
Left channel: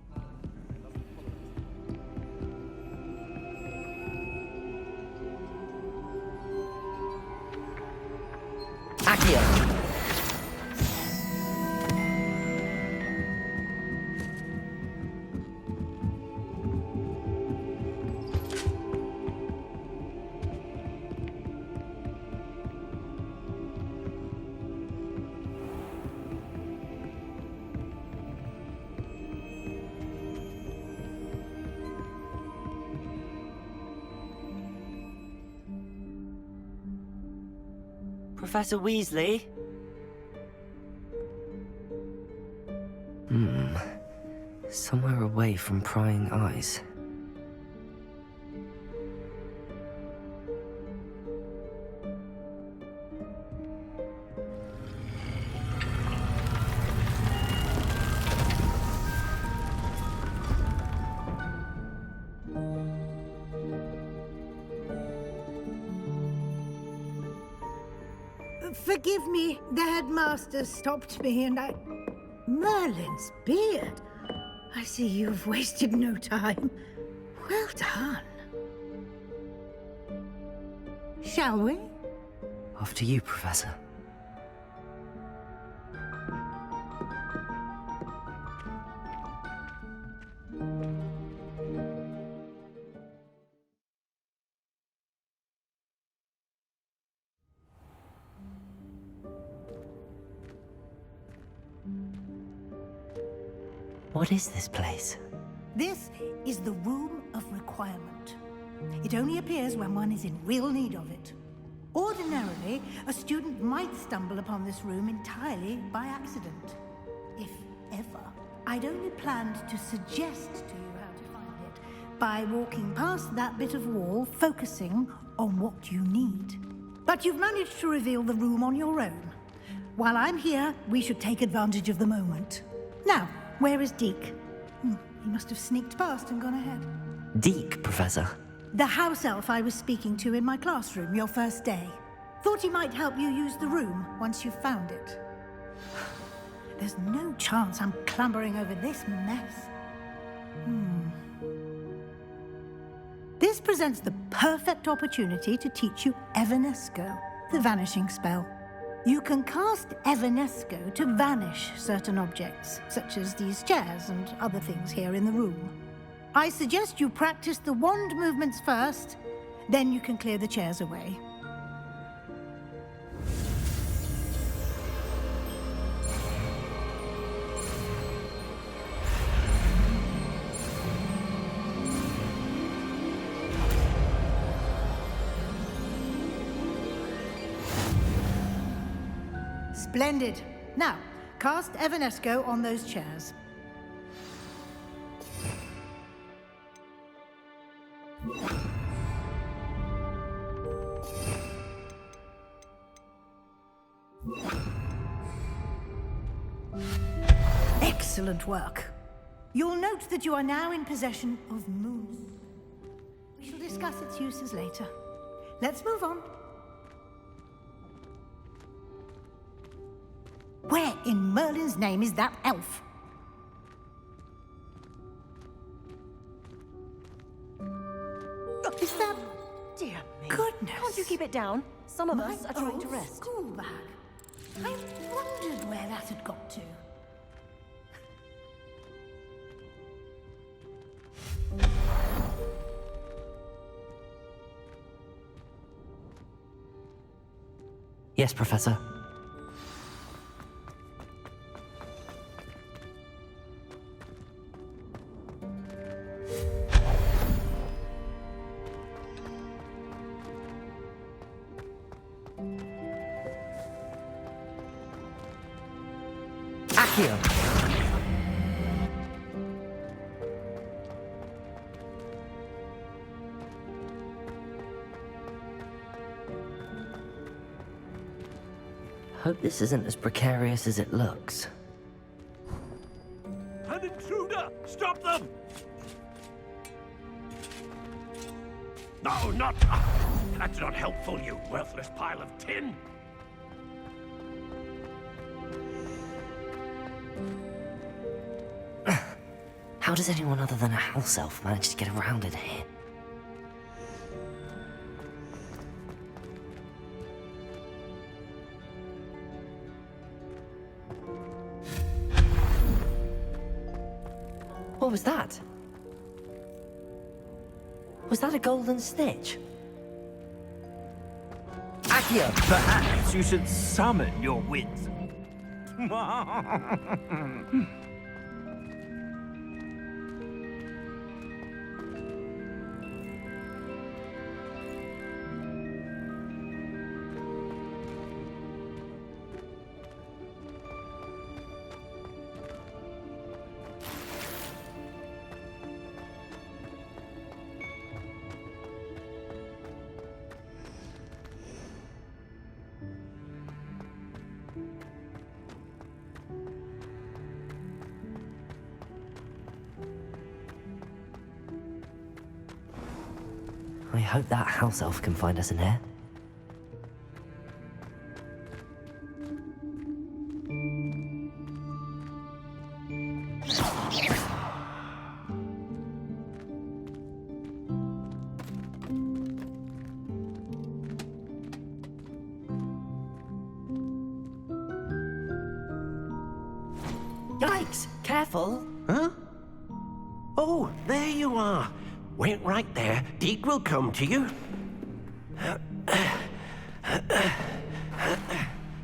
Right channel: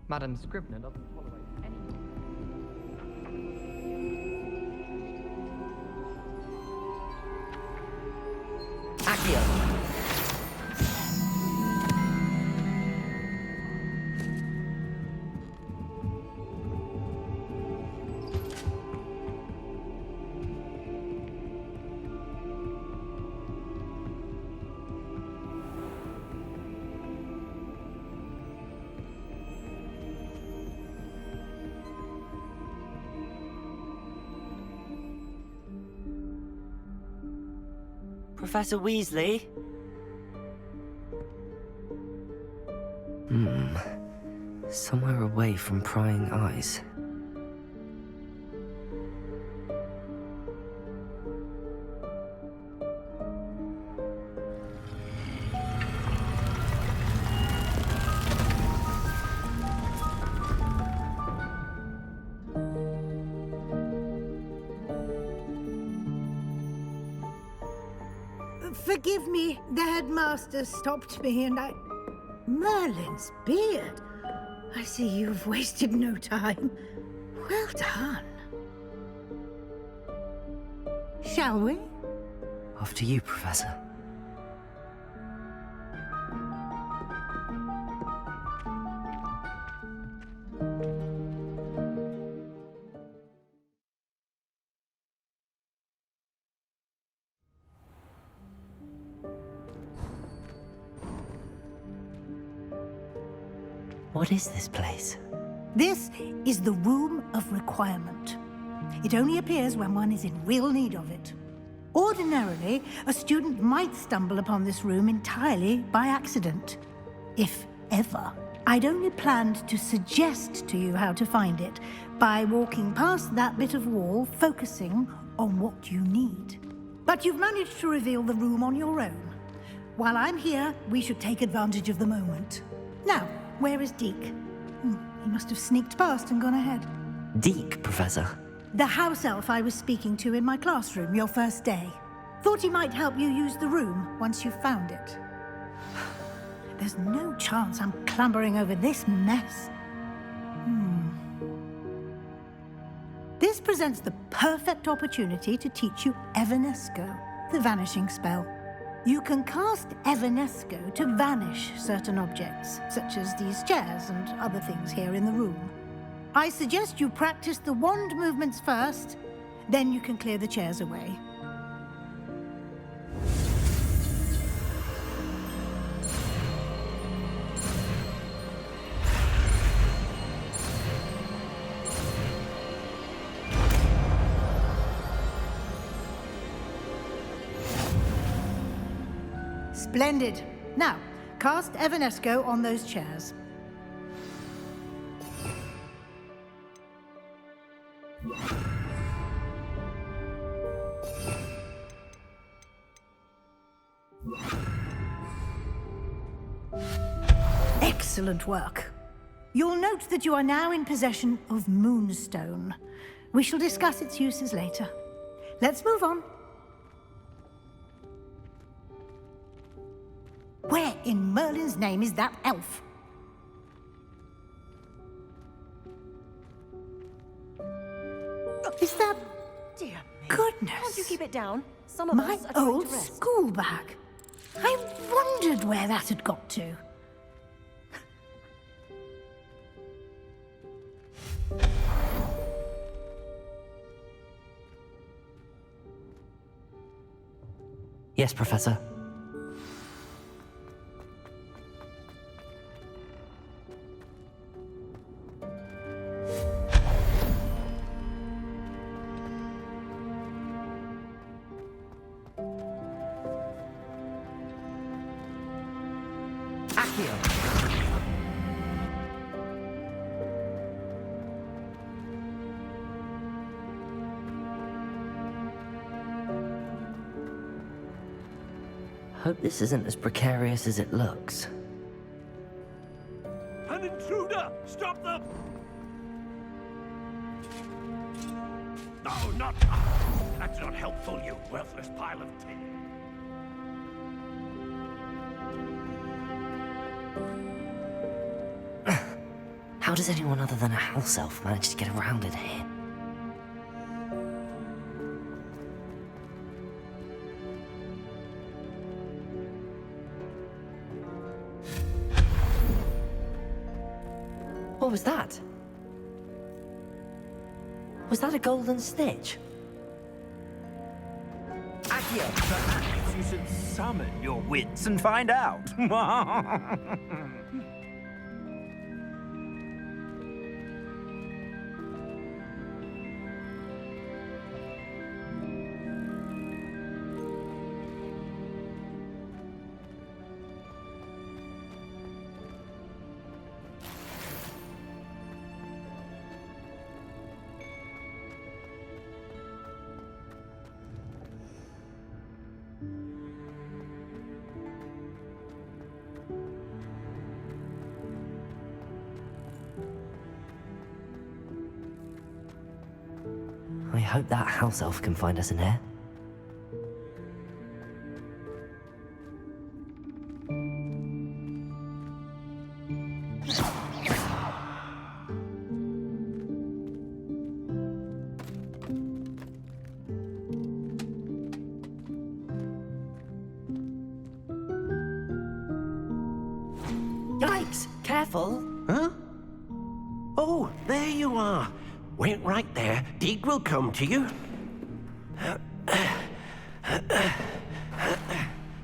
Madam Scrivener doesn't tolerate any... Accio. Professor Weasley? Somewhere away from prying eyes. Forgive me, the headmaster stopped me and I... Merlin's beard. I see you've wasted no time. Well done. Shall we? After you, Professor. What is this place? This is the Room of Requirement. It only appears when one is in real need of it. Ordinarily, a student might stumble upon this room entirely by accident. If ever. I'd only planned to suggest to you how to find it by walking past that bit of wall, focusing on what you need. But you've managed to reveal the room on your own. While I'm here, we should take advantage of the moment. Now, where is Deke? He must have sneaked past and gone ahead. Deke, Professor. The house elf I was speaking to in my classroom your first day. Thought he might help you use the room once you've found it. There's no chance I'm clambering over this mess. This presents the perfect opportunity to teach you Evanesco, the vanishing spell. You can cast Evanesco to vanish certain objects, such as these chairs and other things here in the room. I suggest you practice the wand movements first, then you can clear the chairs away. Splendid. Now, cast Evanesco on those chairs. Excellent work. You'll note that you are now in possession of Moonstone. We shall discuss its uses later. Let's move on. Where in Merlin's name is that elf? Is that... Dear me. Goodness. Can't you keep it down? Some of My us are trying old to rest. school bag. I wondered where that had got to. Yes, Professor. Accio. Hope this isn't as precarious as it looks. An intruder! Stop them! No, not... That's not helpful, you worthless pile of tin. How does anyone other than a house elf manage to get around in here? What was that? Was that a golden snitch? Akia, perhaps you should summon your wits and find out. I hope that house elf can find us in here. Yikes! Careful! Huh? Oh, there you are. Wait right there. Deke will come to you.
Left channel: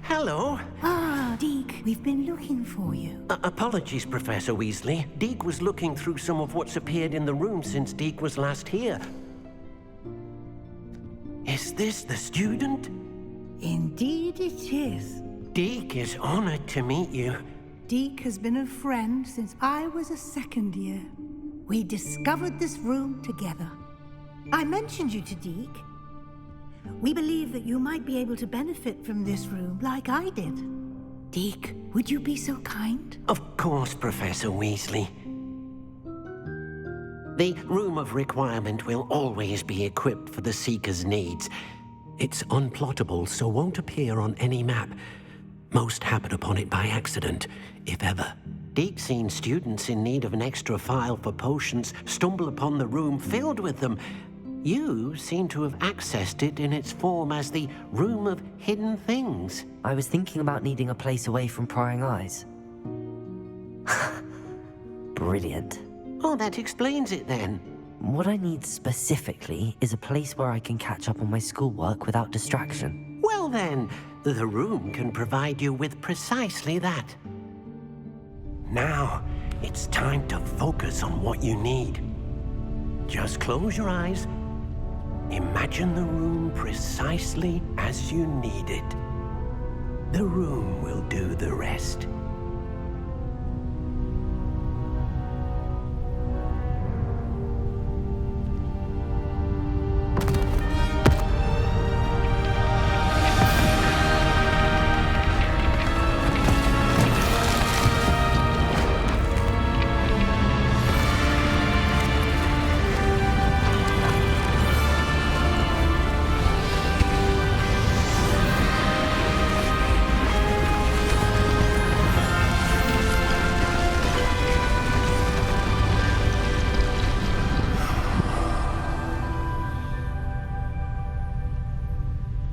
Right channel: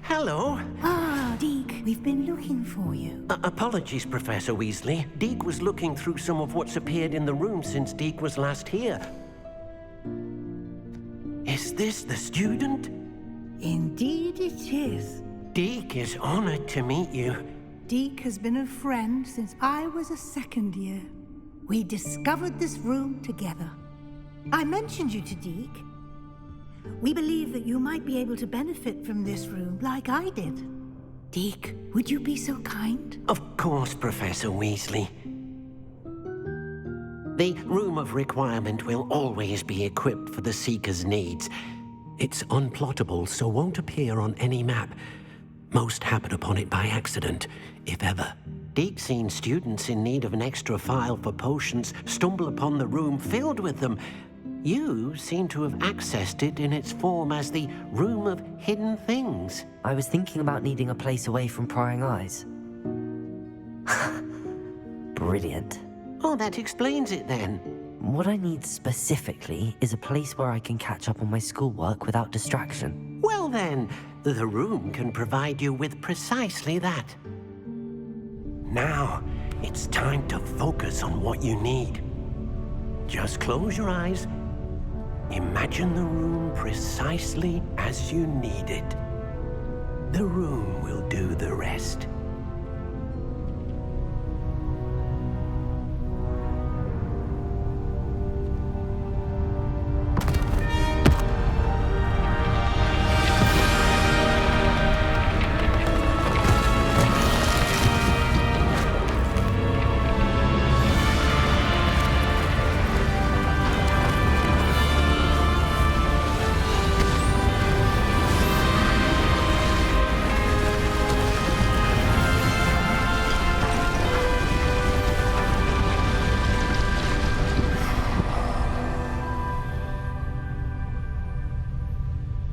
Hello. Ah, Deke, we've been looking for you. Apologies, Professor Weasley. Deke was looking through some of what's appeared in the room since Deke was last here. Is this the student? Indeed it is. Deke is honored to meet you. Deke has been a friend since I was a second year. We discovered this room together. I mentioned you to Deke. We believe that you might be able to benefit from this room like I did. Deke, would you be so kind? Of course, Professor Weasley. The Room of Requirement will always be equipped for the Seeker's needs. It's unplottable, so won't appear on any map. Most happen upon it by accident, if ever. Deke's seen students in need of an extra file for potions stumble upon the room filled with them. You seem to have accessed it in its form as the Room of Hidden Things. I was thinking about needing a place away from prying eyes. Brilliant. Oh, that explains it then. What I need specifically is a place where I can catch up on my schoolwork without distraction. Well then, the room can provide you with precisely that. Now, it's time to focus on what you need. Just close your eyes. Imagine the room precisely as you need it. The room will do the rest.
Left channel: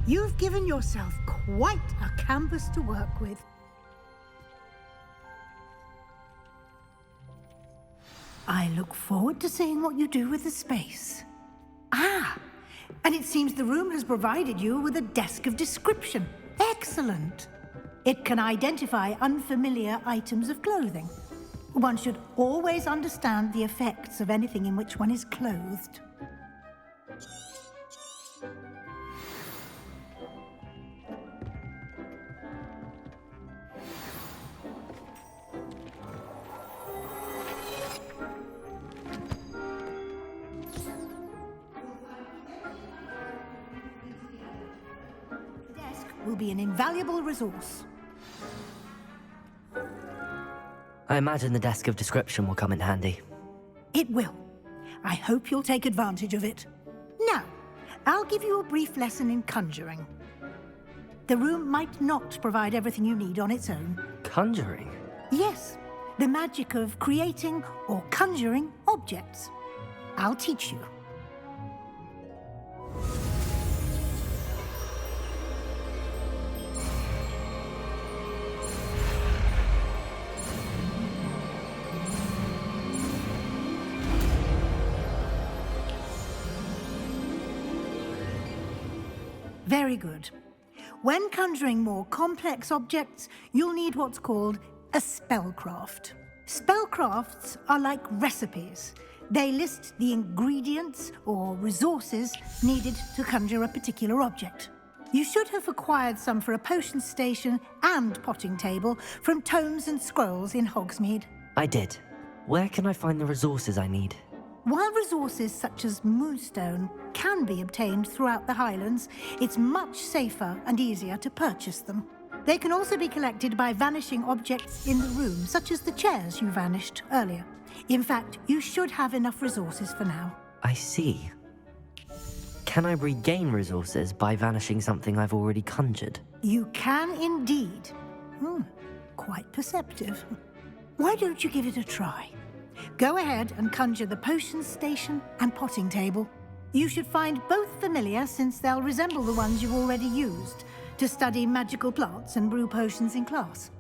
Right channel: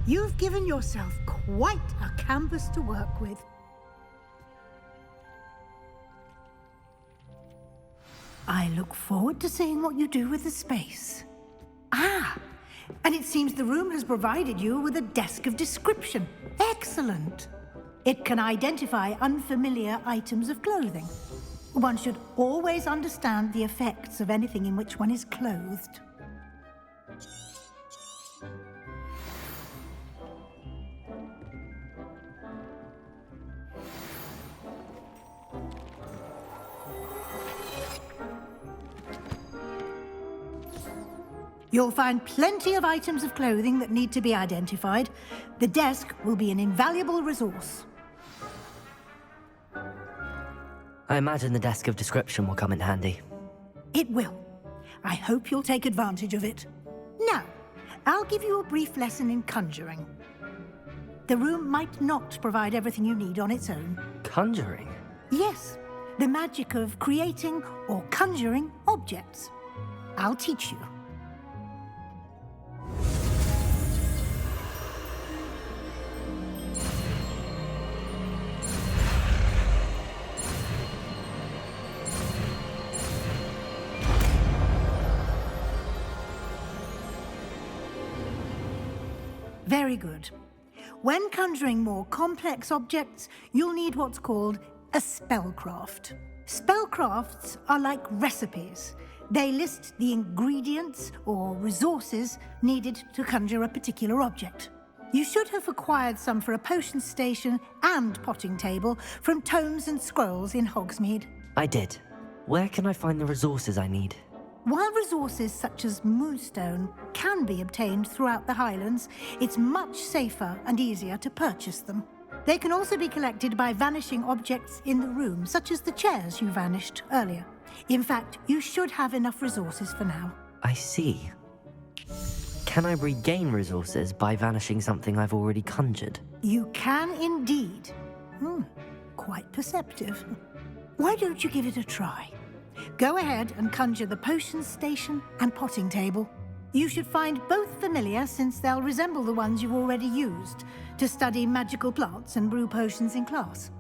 You've given yourself quite a canvas to work with. I look forward to seeing what you do with the space. Ah, and it seems the room has provided you with a desk of description. Excellent. It can identify unfamiliar items of clothing. One should always understand the effects of anything in which one is clothed. You'll find plenty of items of clothing that need to be identified. The desk will be an invaluable resource. I imagine the desk of description will come in handy. It will. I hope you'll take advantage of it. Now, I'll give you a brief lesson in conjuring. The room might not provide everything you need on its own. Conjuring? Yes, the magic of creating or conjuring objects. I'll teach you. Very good. When conjuring more complex objects, you'll need what's called a spellcraft. Spellcrafts are like recipes. They list the ingredients or resources needed to conjure a particular object. You should have acquired some for a potion station and potting table from tomes and scrolls in Hogsmeade. I did. Where can I find the resources I need? While resources such as moonstone can be obtained throughout the Highlands, it's much safer and easier to purchase them. They can also be collected by vanishing objects in the room, such as the chairs you vanished earlier. In fact, you should have enough resources for now. I see. Can I regain resources by vanishing something I've already conjured? You can indeed. Quite perceptive. Why don't you give it a try? Go ahead and conjure the potion station and potting table. You should find both familiar, since they'll resemble the ones you've already used to study magical plants and brew potions in class.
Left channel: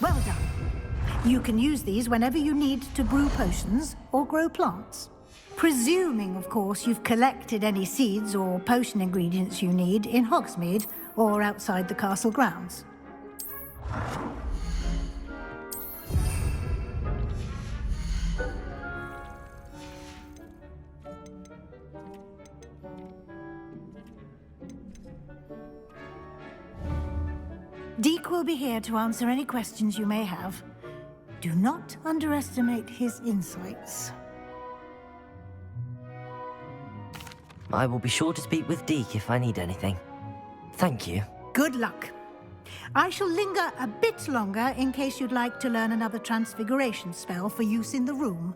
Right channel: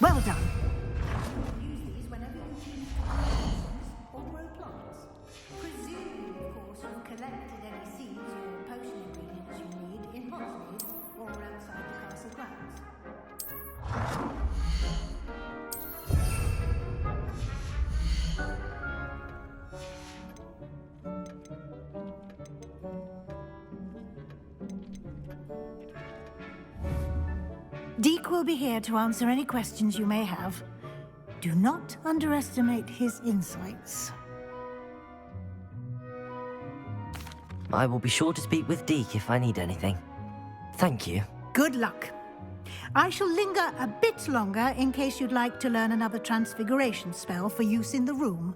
Well done. You can use these whenever you need to brew potions or grow plants. Presuming, of course, you've collected any seeds or potion ingredients you need in Hogsmeade or outside the castle grounds. Deke will be here to answer any questions you may have. Do not underestimate his insights. I will be sure to speak with Deke if I need anything. Thank you. Good luck. I shall linger a bit longer in case you'd like to learn another transfiguration spell for use in the room.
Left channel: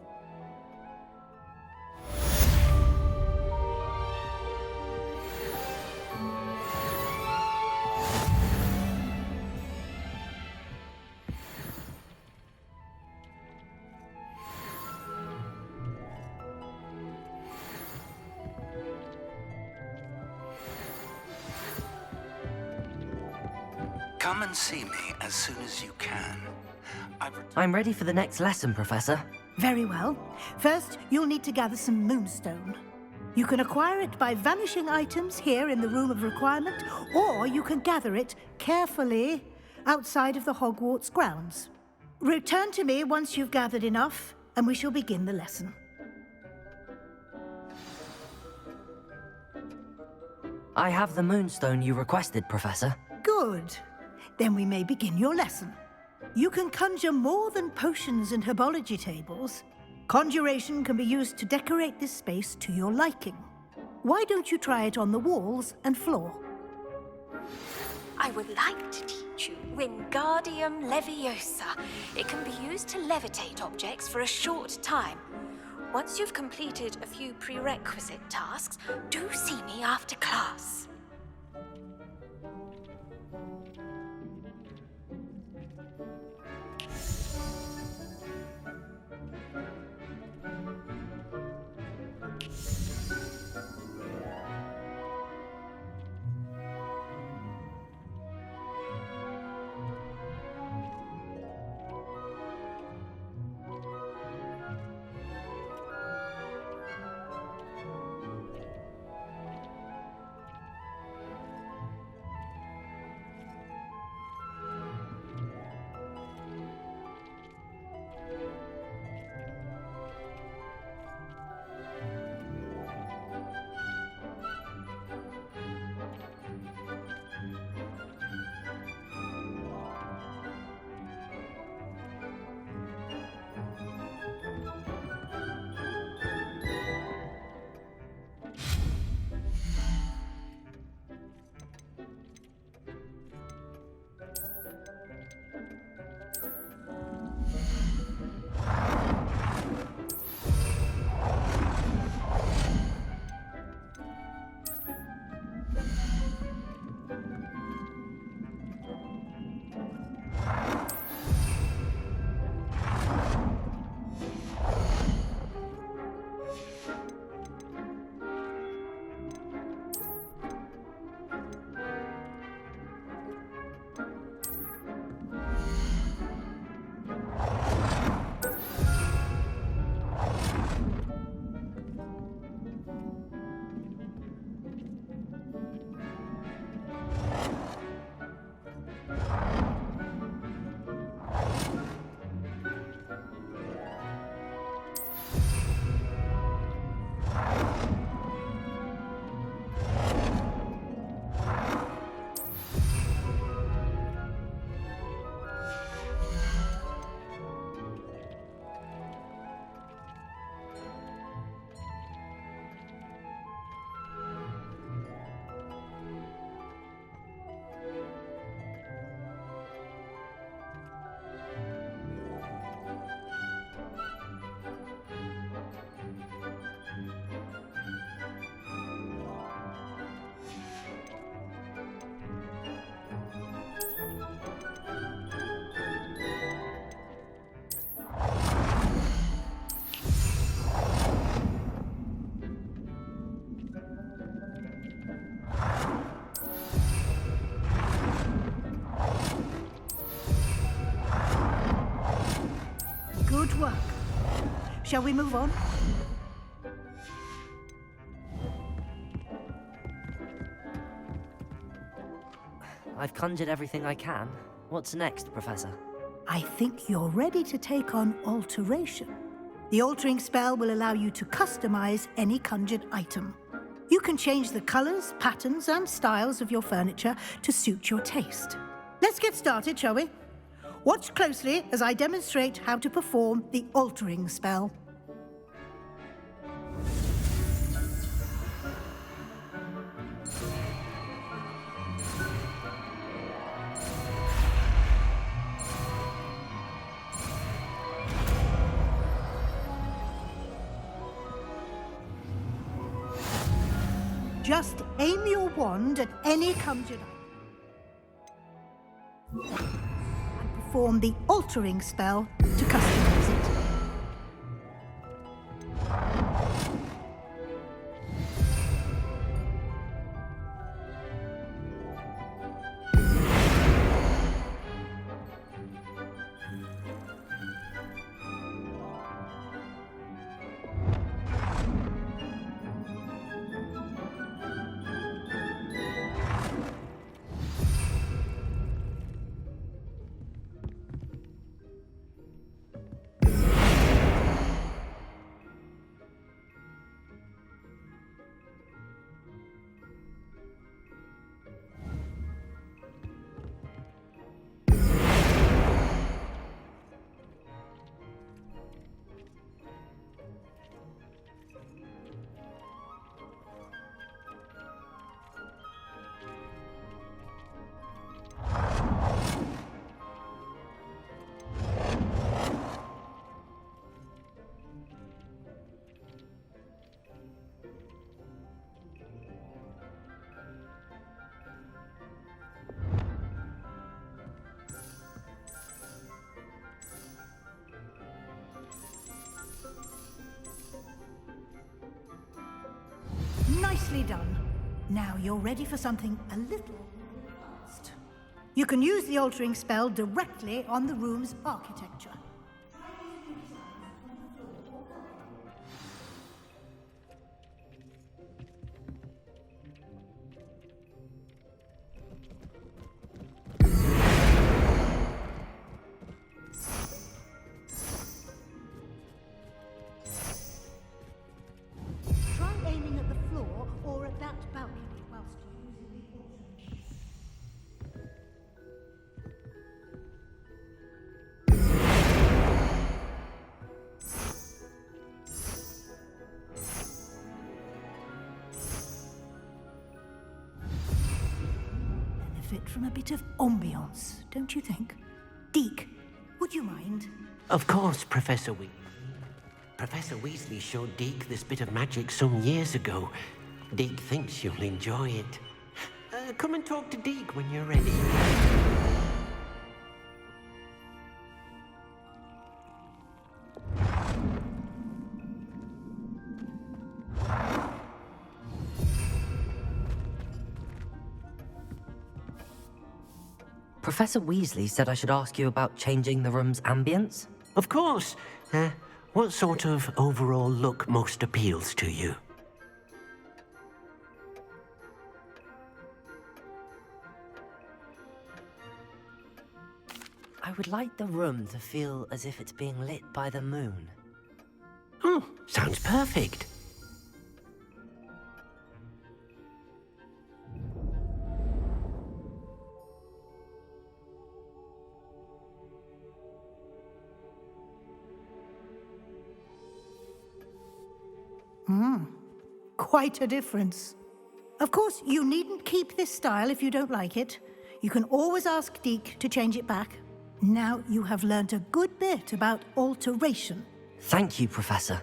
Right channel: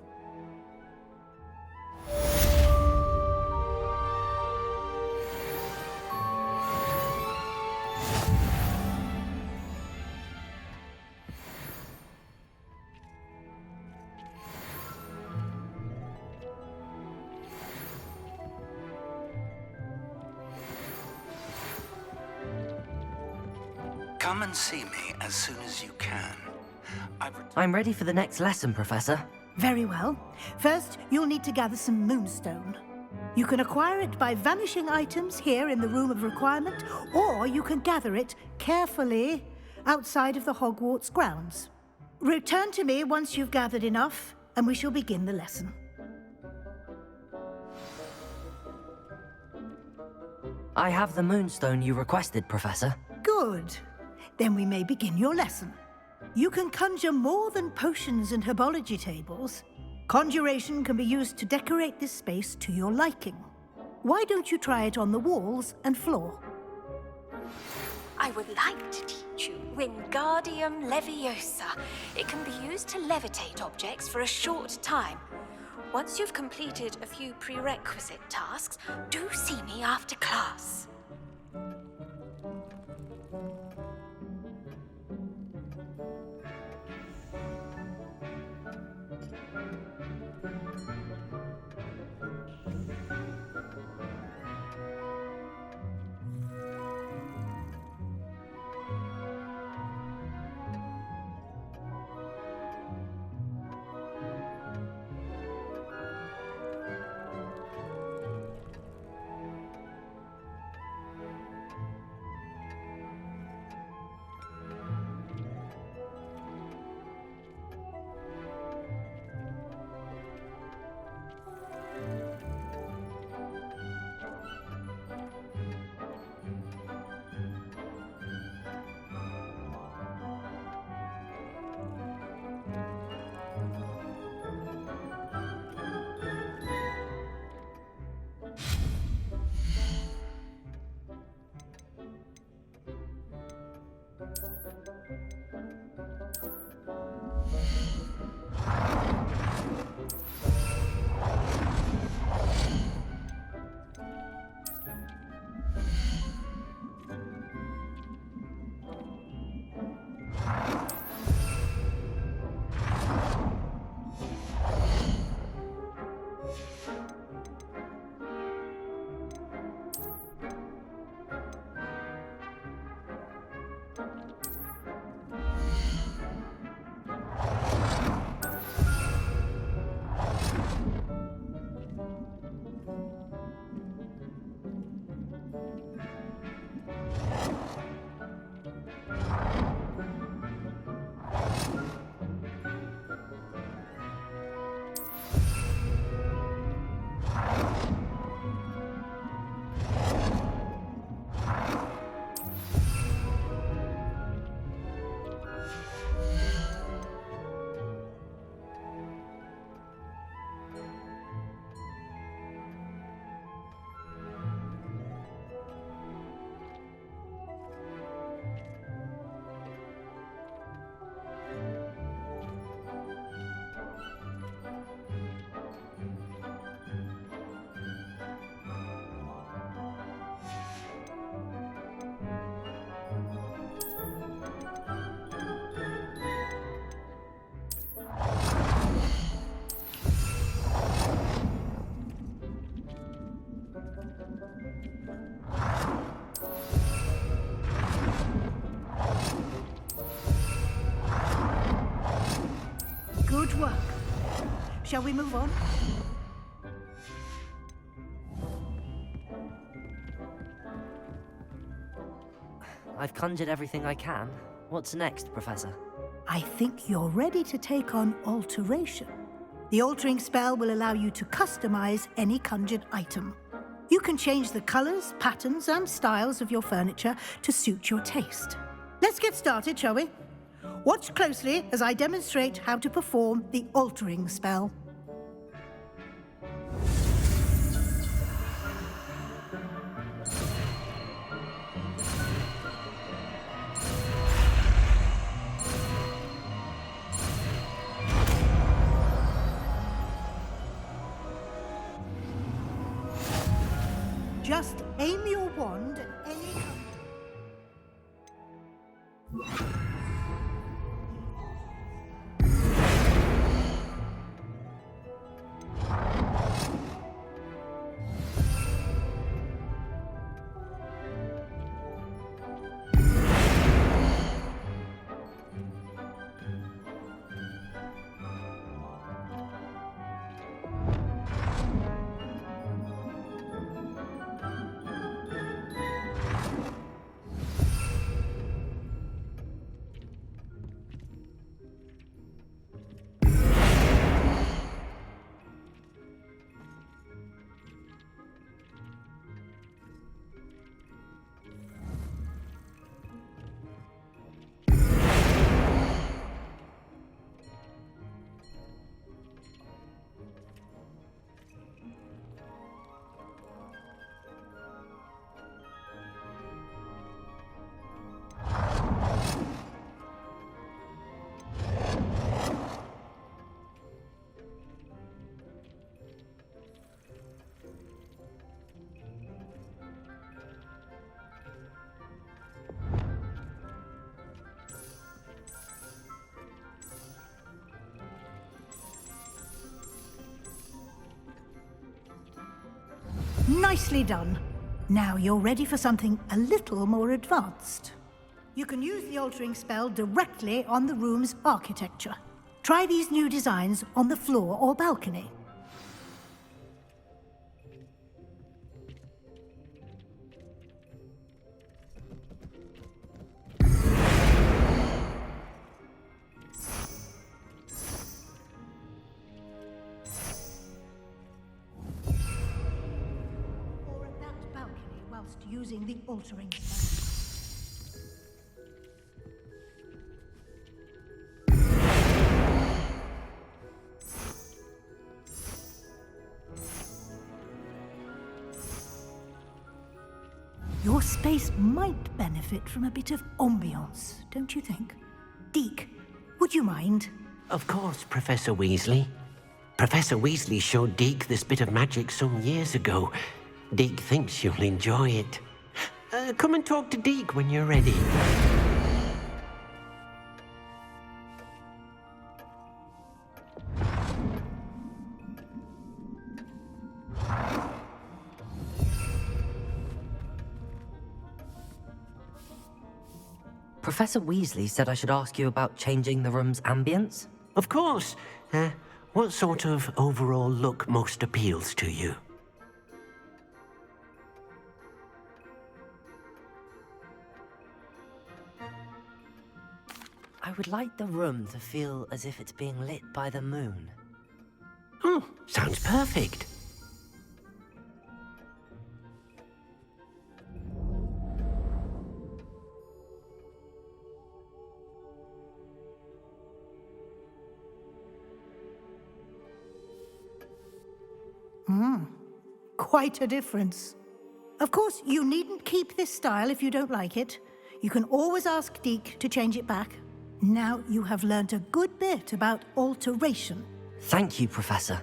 Come and see me as soon as you can. I'm ready for the next lesson, Professor. Very well. First, you'll need to gather some moonstone. You can acquire it by vanishing items here in the Room of Requirement, or you can gather it carefully outside of the Hogwarts grounds. Return to me once you've gathered enough, and we shall begin the lesson. I have the moonstone you requested, Professor. Good. Then we may begin your lesson. You can conjure more than potions and herbology tables. Conjuration can be used to decorate this space to your liking. Why don't you try it on the walls and floor? I would like to teach you Wingardium Leviosa. It can be used to levitate objects for a short time. Once you've completed a few prerequisite tasks, do see me after class. Good work. Shall we move on? I've conjured everything I can. What's next, Professor? I think you're ready to take on alteration. The altering spell will allow you to customize any conjured item. You can change the colors, patterns, and styles of your furniture to suit your taste. Let's get started, shall we? Watch closely as I demonstrate how to perform the altering spell. Just aim your wand at any conjured item and perform the altering spell to customize it. Nicely done. Now you're ready for something a little more advanced. You can use the altering spell directly on the room's architecture. Try these new designs on the floor or balcony. Using the altering spell. Your space might benefit from a bit of ambiance, don't you think? Deke, would you mind? Of course, Professor Weasley. Professor Weasley showed Deke this bit of magic some years ago. Deke thinks you'll enjoy it. Come and talk to Deke when you're ready. Professor Weasley said I should ask you about changing the room's ambience? Of course. What sort of overall look most appeals to you? I would like the room to feel as if it's being lit by the moon. Oh, sounds perfect. Quite a difference. Of course, you needn't keep this style if you don't like it. You can always ask Deke to change it back. Now you have learnt a good bit about alteration. Thank you, Professor.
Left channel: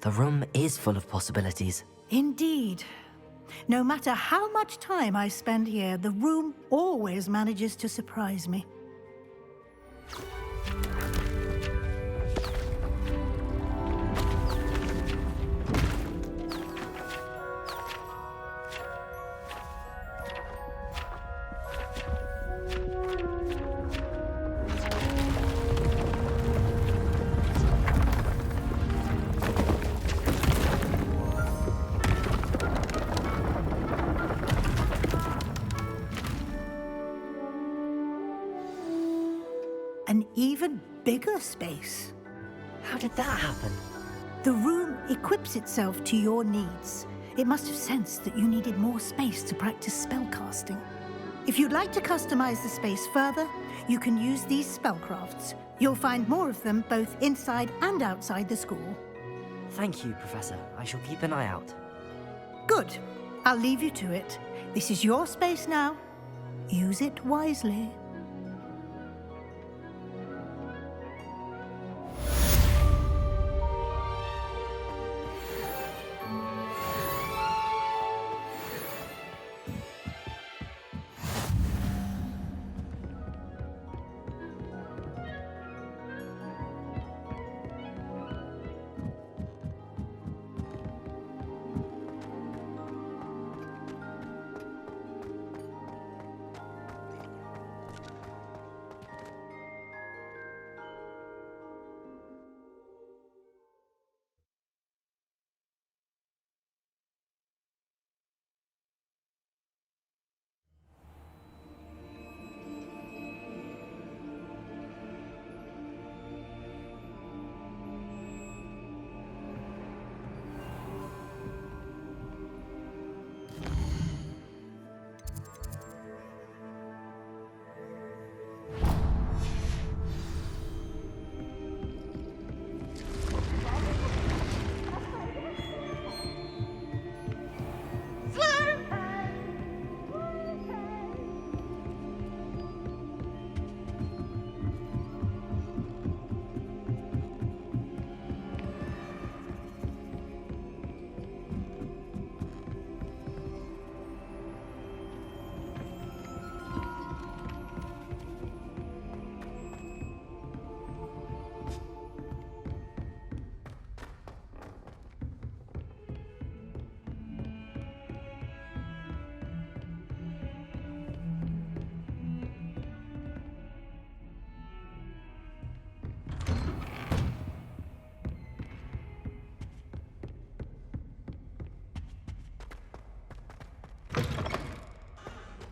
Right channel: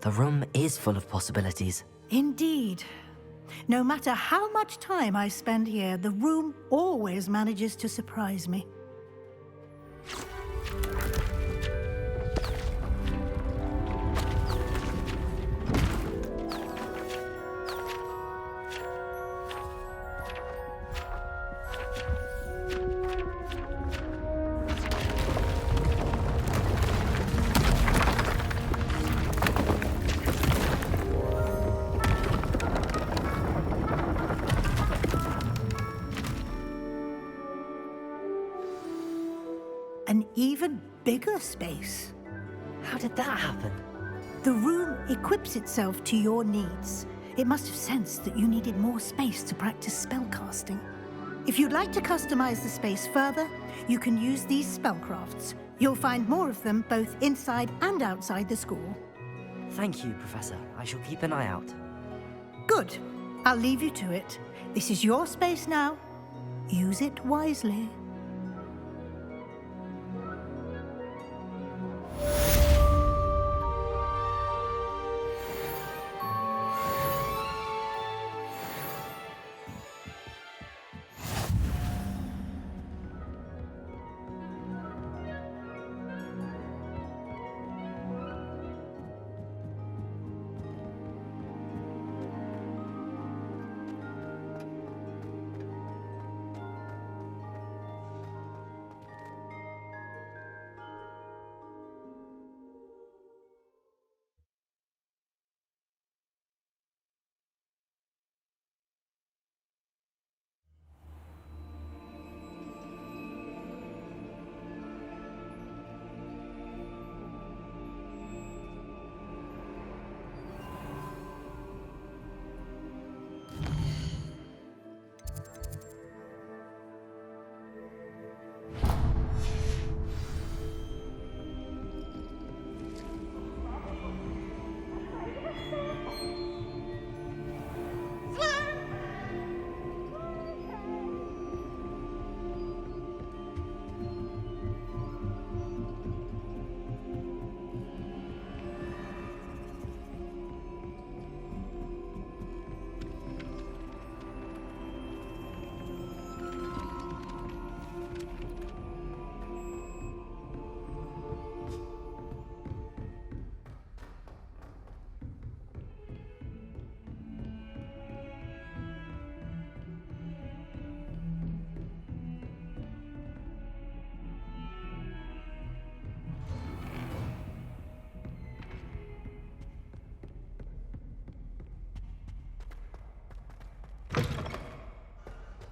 The room is full of possibilities. Indeed. No matter how much time I spend here, the room always manages to surprise me. an even bigger space. How did that happen? The room equips itself to your needs. It must have sensed that you needed more space to practice spellcasting. If you'd like to customize the space further, you can use these spellcrafts. You'll find more of them both inside and outside the school. Thank you, Professor. I shall keep an eye out. Good. I'll leave you to it. This is your space now. Use it wisely.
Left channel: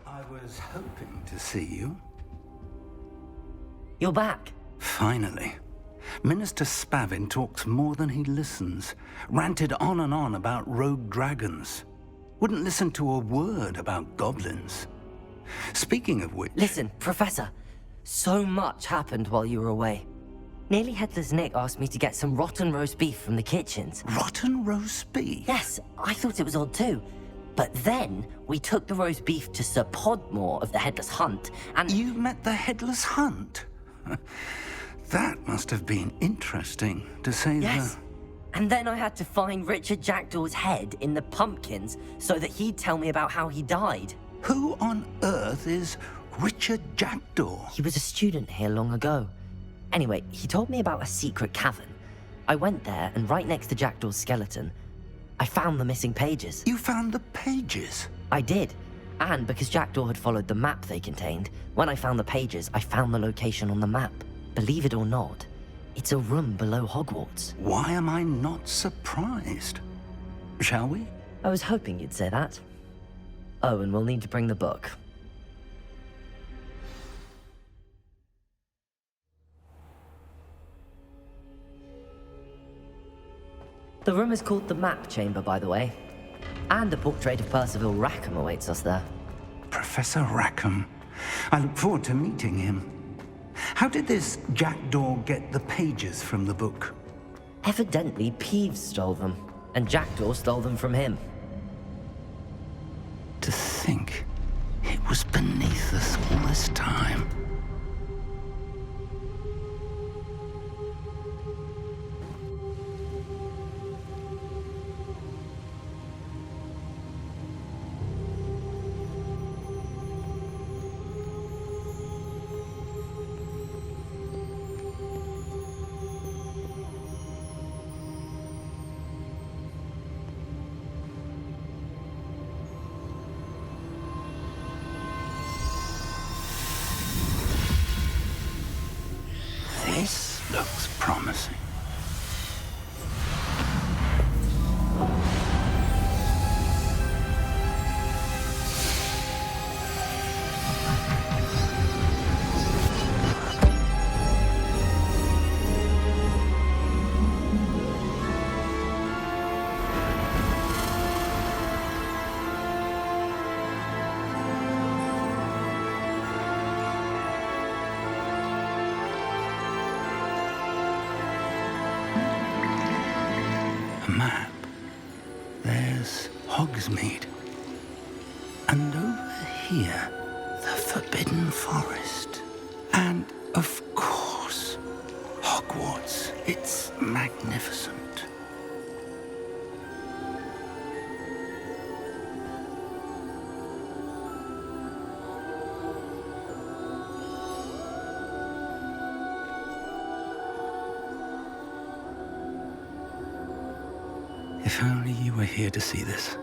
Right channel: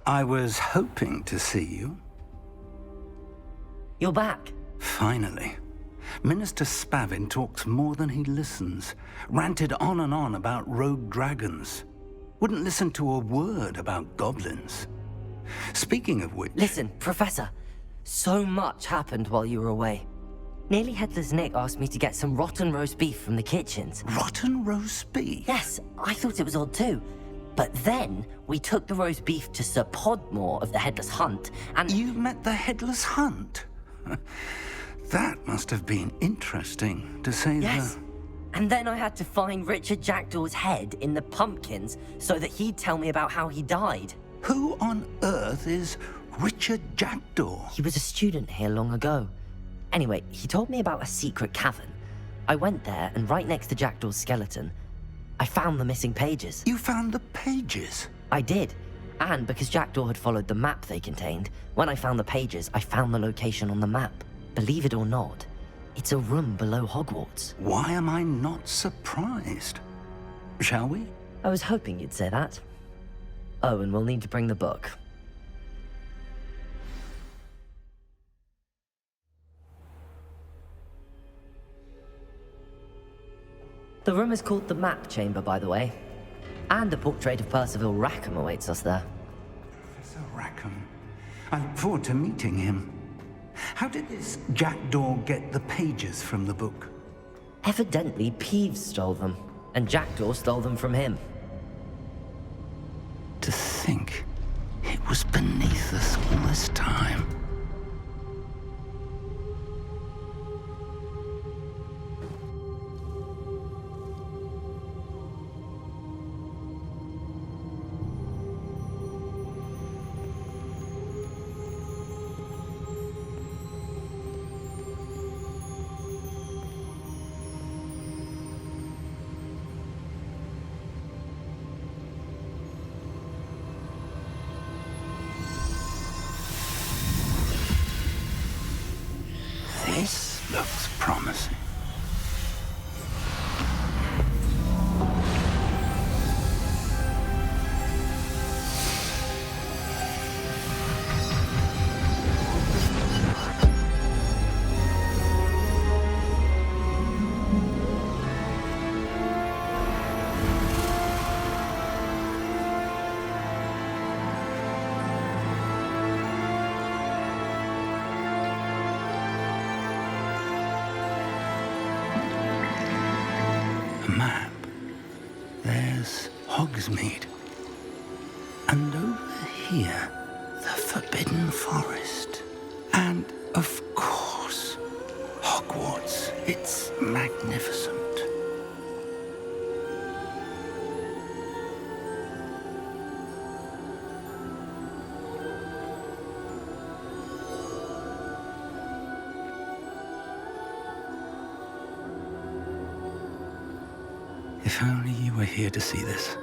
I was hoping to see you. You're back. Finally. Minister Spavin talks more than he listens. Ranted on and on about rogue dragons. Wouldn't listen to a word about goblins. Speaking of which... Listen, Professor. So much happened while you were away. Nearly Headless Nick asked me to get some rotten roast beef from the kitchens. Rotten roast beef? Yes, I thought it was odd too. But then, we took the roast beef to Sir Podmore of the Headless Hunt, and... You met the Headless Hunt? That must have been interesting, to say Yes. And then I had to find Richard Jackdaw's head in the pumpkins so that he'd tell me about how he died. Who on earth is Richard Jackdaw? He was a student here long ago. Anyway, he told me about a secret cavern. I went there, and right next to Jackdaw's skeleton, I found the missing pages. You found the pages? I did. And because Jackdaw had followed the map they contained, when I found the pages, I found the location on the map. Believe it or not, it's a room below Hogwarts. Why am I not surprised? Shall we? I was hoping you'd say that. Oh, and we'll need to bring the book. The room is called the Map Chamber, by the way. And a portrait of Percival Rackham awaits us there. Professor Rackham. I look forward to meeting him. How did this Jackdaw get the pages from the book? Evidently, Peeves stole them, and Jackdaw stole them from him. To think it was beneath us all this time. This looks promising. A map. There's Hogsmeade. And over here, the Forbidden Forest. And, of course, Hogwarts. It's magnificent. If only you were here to see this.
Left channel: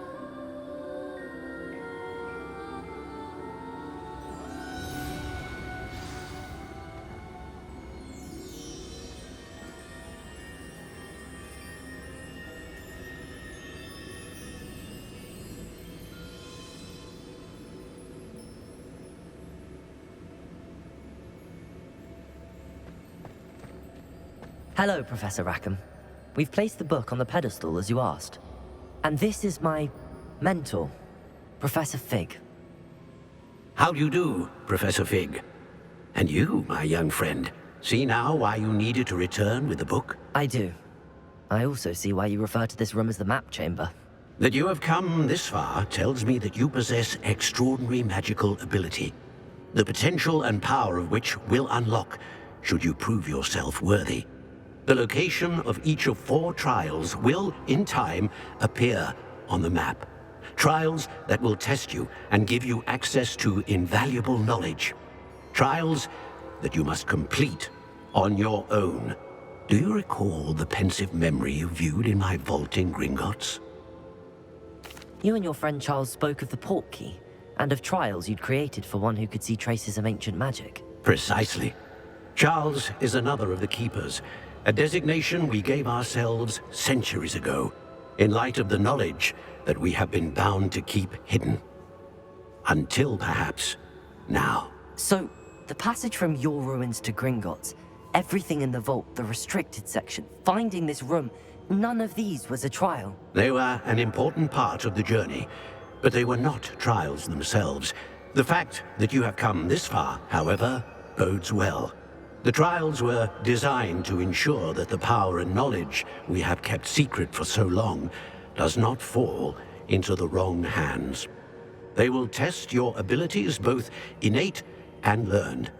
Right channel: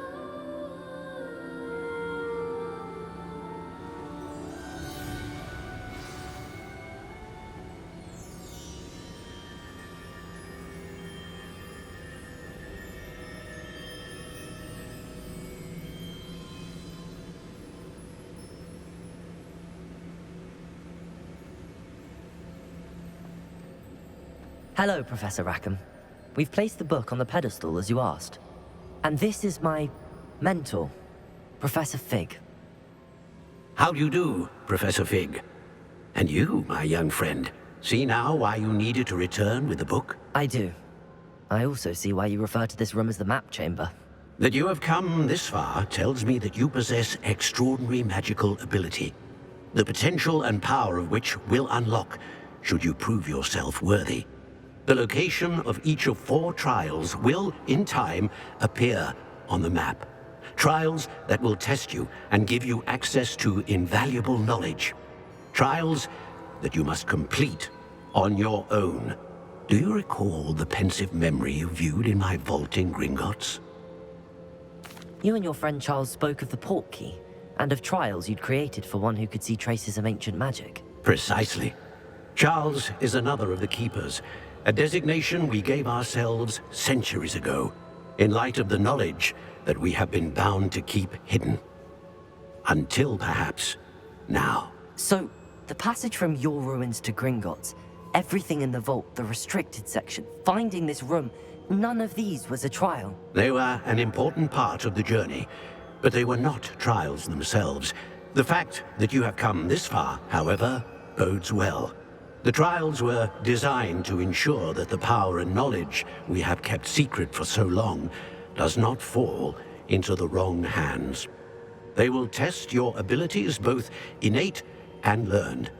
Hello, Professor Rackham. We've placed the book on the pedestal as you asked. And this is my mentor, Professor Fig. How do you do, Professor Fig? And you, my young friend, see now why you needed to return with the book? I do. I also see why you refer to this room as the map chamber. That you have come this far tells me that you possess extraordinary magical ability, the potential and power of which will unlock should you prove yourself worthy. The location of each of 4 trials will, in time, appear on the map. Trials that will test you and give you access to invaluable knowledge. Trials that you must complete on your own. Do you recall the pensive memory you viewed in my vault in Gringotts? You and your friend Charles spoke of the portkey, and of trials you'd created for one who could see traces of ancient magic. Precisely. Charles is another of the Keepers, a designation we gave ourselves centuries ago, in light of the knowledge that we have been bound to keep hidden. Until, perhaps, now. So, the passage from your ruins to Gringotts, everything in the vault, the restricted section, finding this room, none of these was a trial. They were an important part of the journey, but they were not trials themselves. The fact that you have come this far, however, bodes well. The trials were designed to ensure that the power and knowledge we have kept secret for so long does not fall into the wrong hands. They will test your abilities, both innate and learned.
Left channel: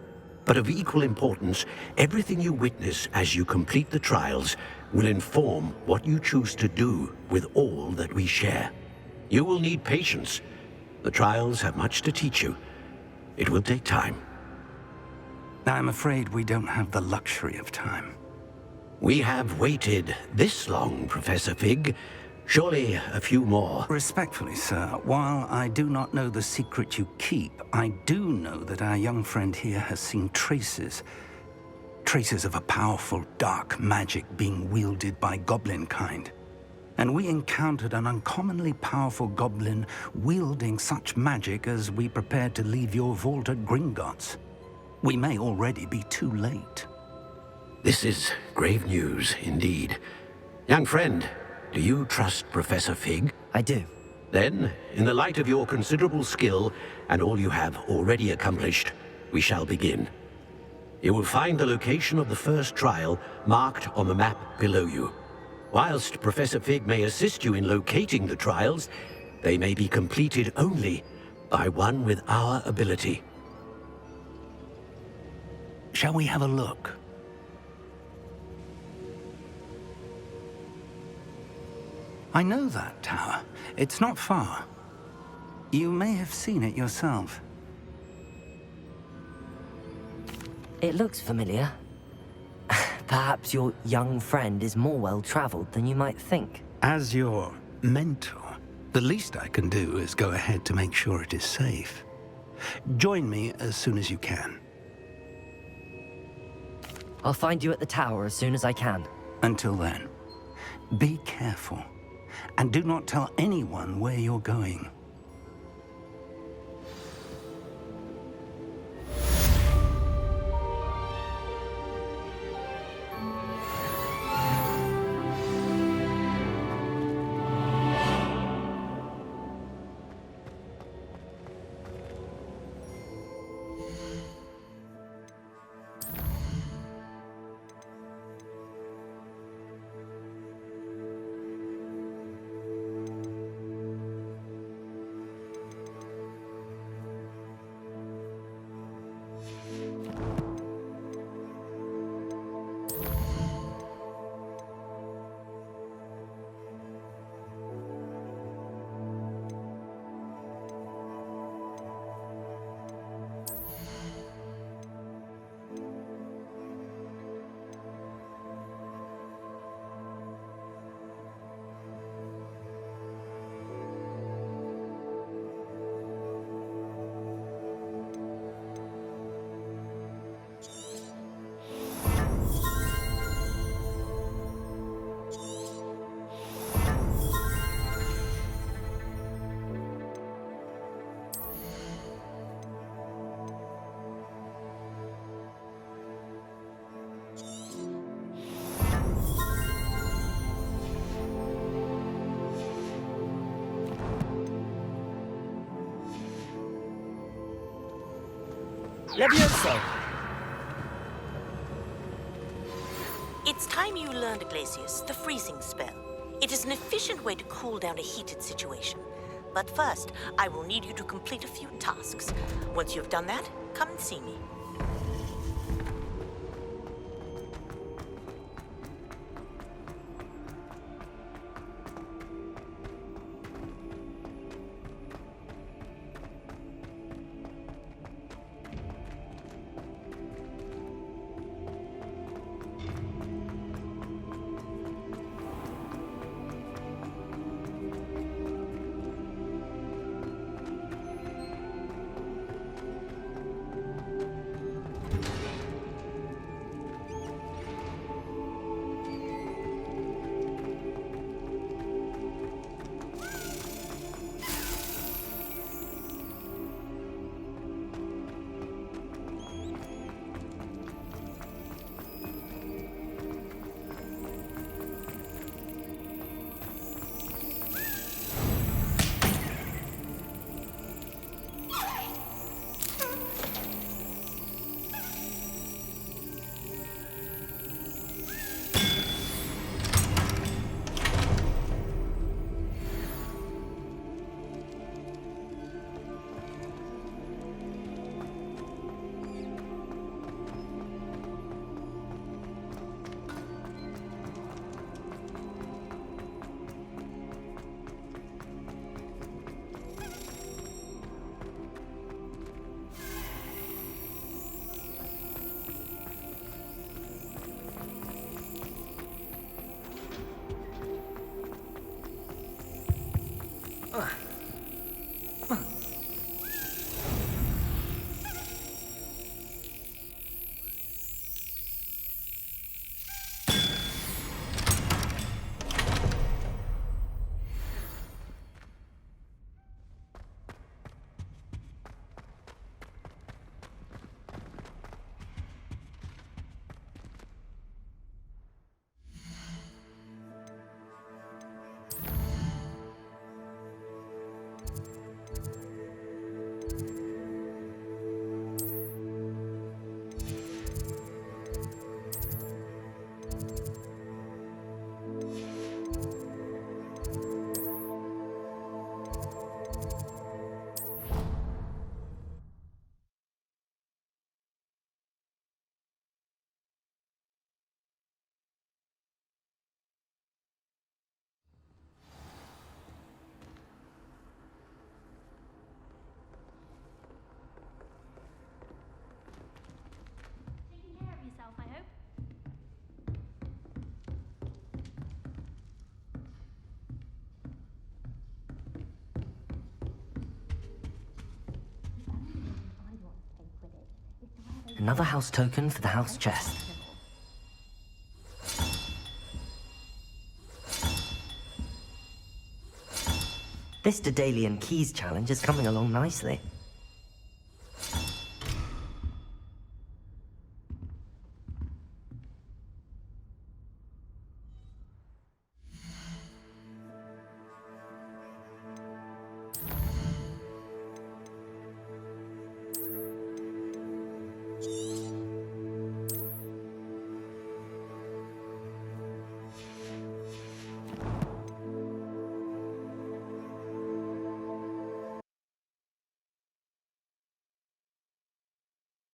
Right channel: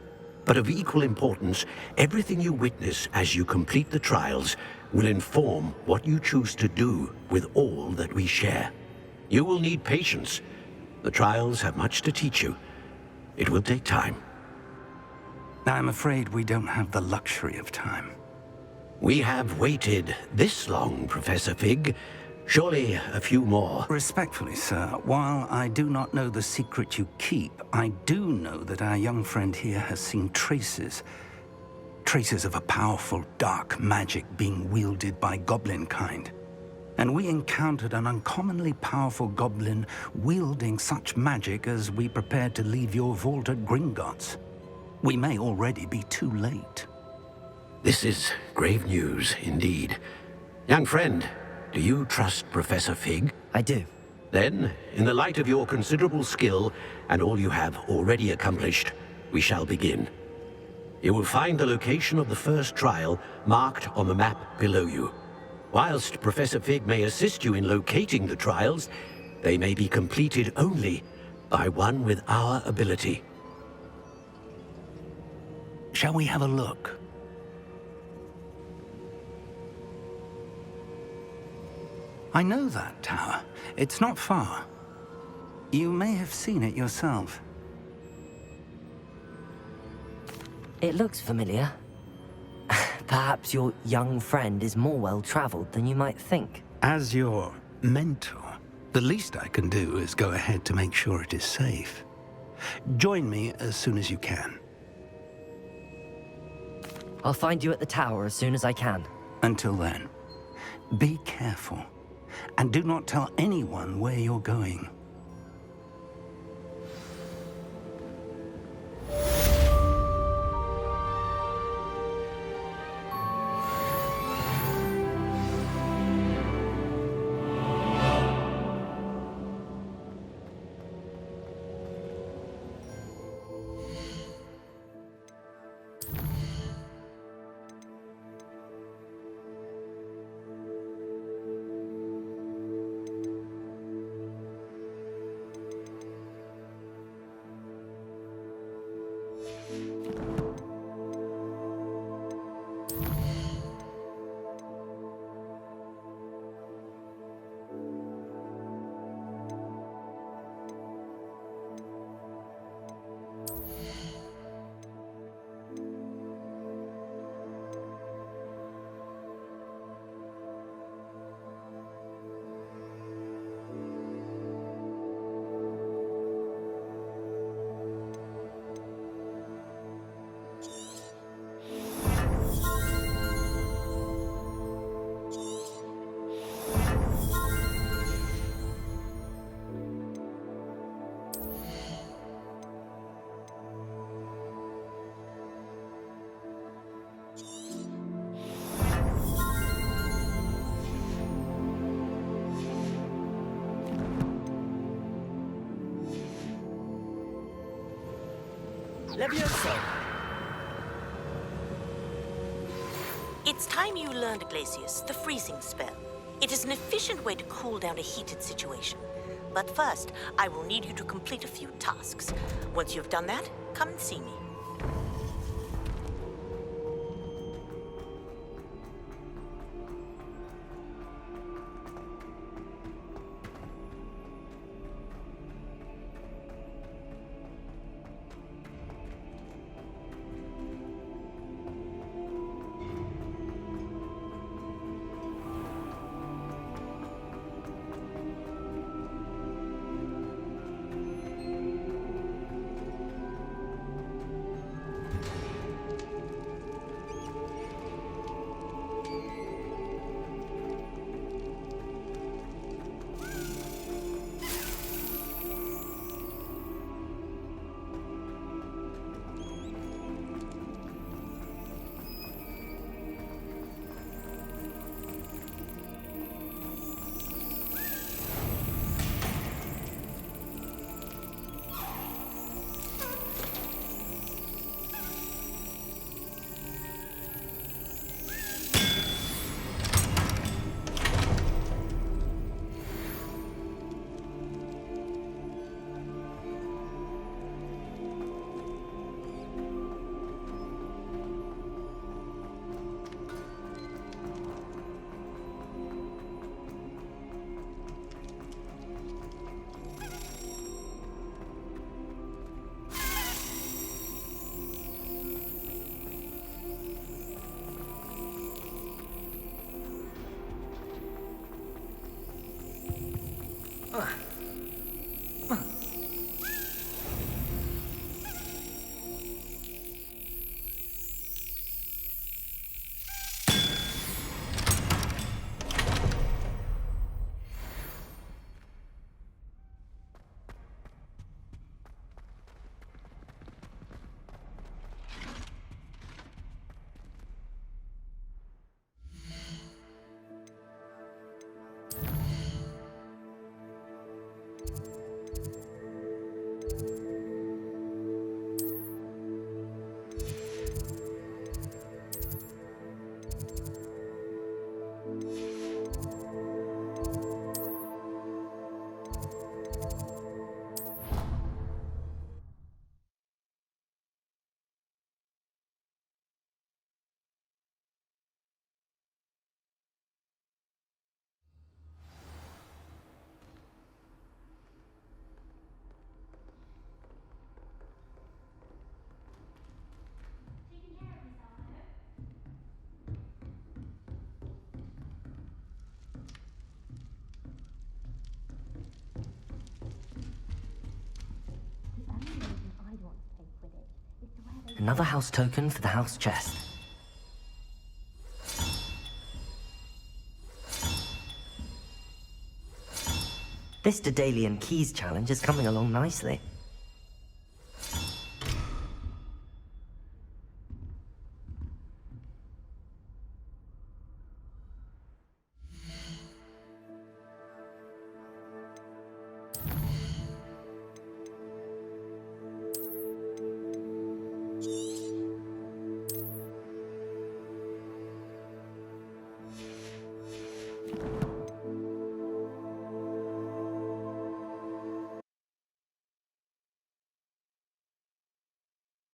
But of equal importance, everything you witness as you complete the trials will inform what you choose to do with all that we share. You will need patience. The trials have much to teach you. It will take time. I'm afraid we don't have the luxury of time. We have waited this long, Professor Fig. Surely a few more. Respectfully, sir, while I do not know the secret you keep, I do know that our young friend here has seen traces of a powerful dark magic being wielded by goblin kind. And we encountered an uncommonly powerful goblin wielding such magic as we prepared to leave your vault at Gringotts. We may already be too late. This is grave news, indeed. Young friend, do you trust Professor Fig? I do. Then, in the light of your considerable skill and all you have already accomplished, we shall begin. You will find the location of the first trial marked on the map below you. Whilst Professor Fig may assist you in locating the trials, they may be completed only by one with our ability. Shall we have a look? I know that tower. It's not far. You may have seen it yourself. It looks familiar. Perhaps your young friend is more well-traveled than you might think. As your mentor, the least I can do is go ahead to make sure it is safe. Join me as soon as you can. I'll find you at the tower as soon as I can. Until then, be careful, and do not tell anyone where you're going. Levioso! It's time you learned, Glacius, the freezing spell. It is an efficient way to cool down a heated situation. But first, I will need you to complete a few tasks. Once you've done that, come and see me. Another house token for the house chest. This Daedalian Keys challenge is coming along nicely.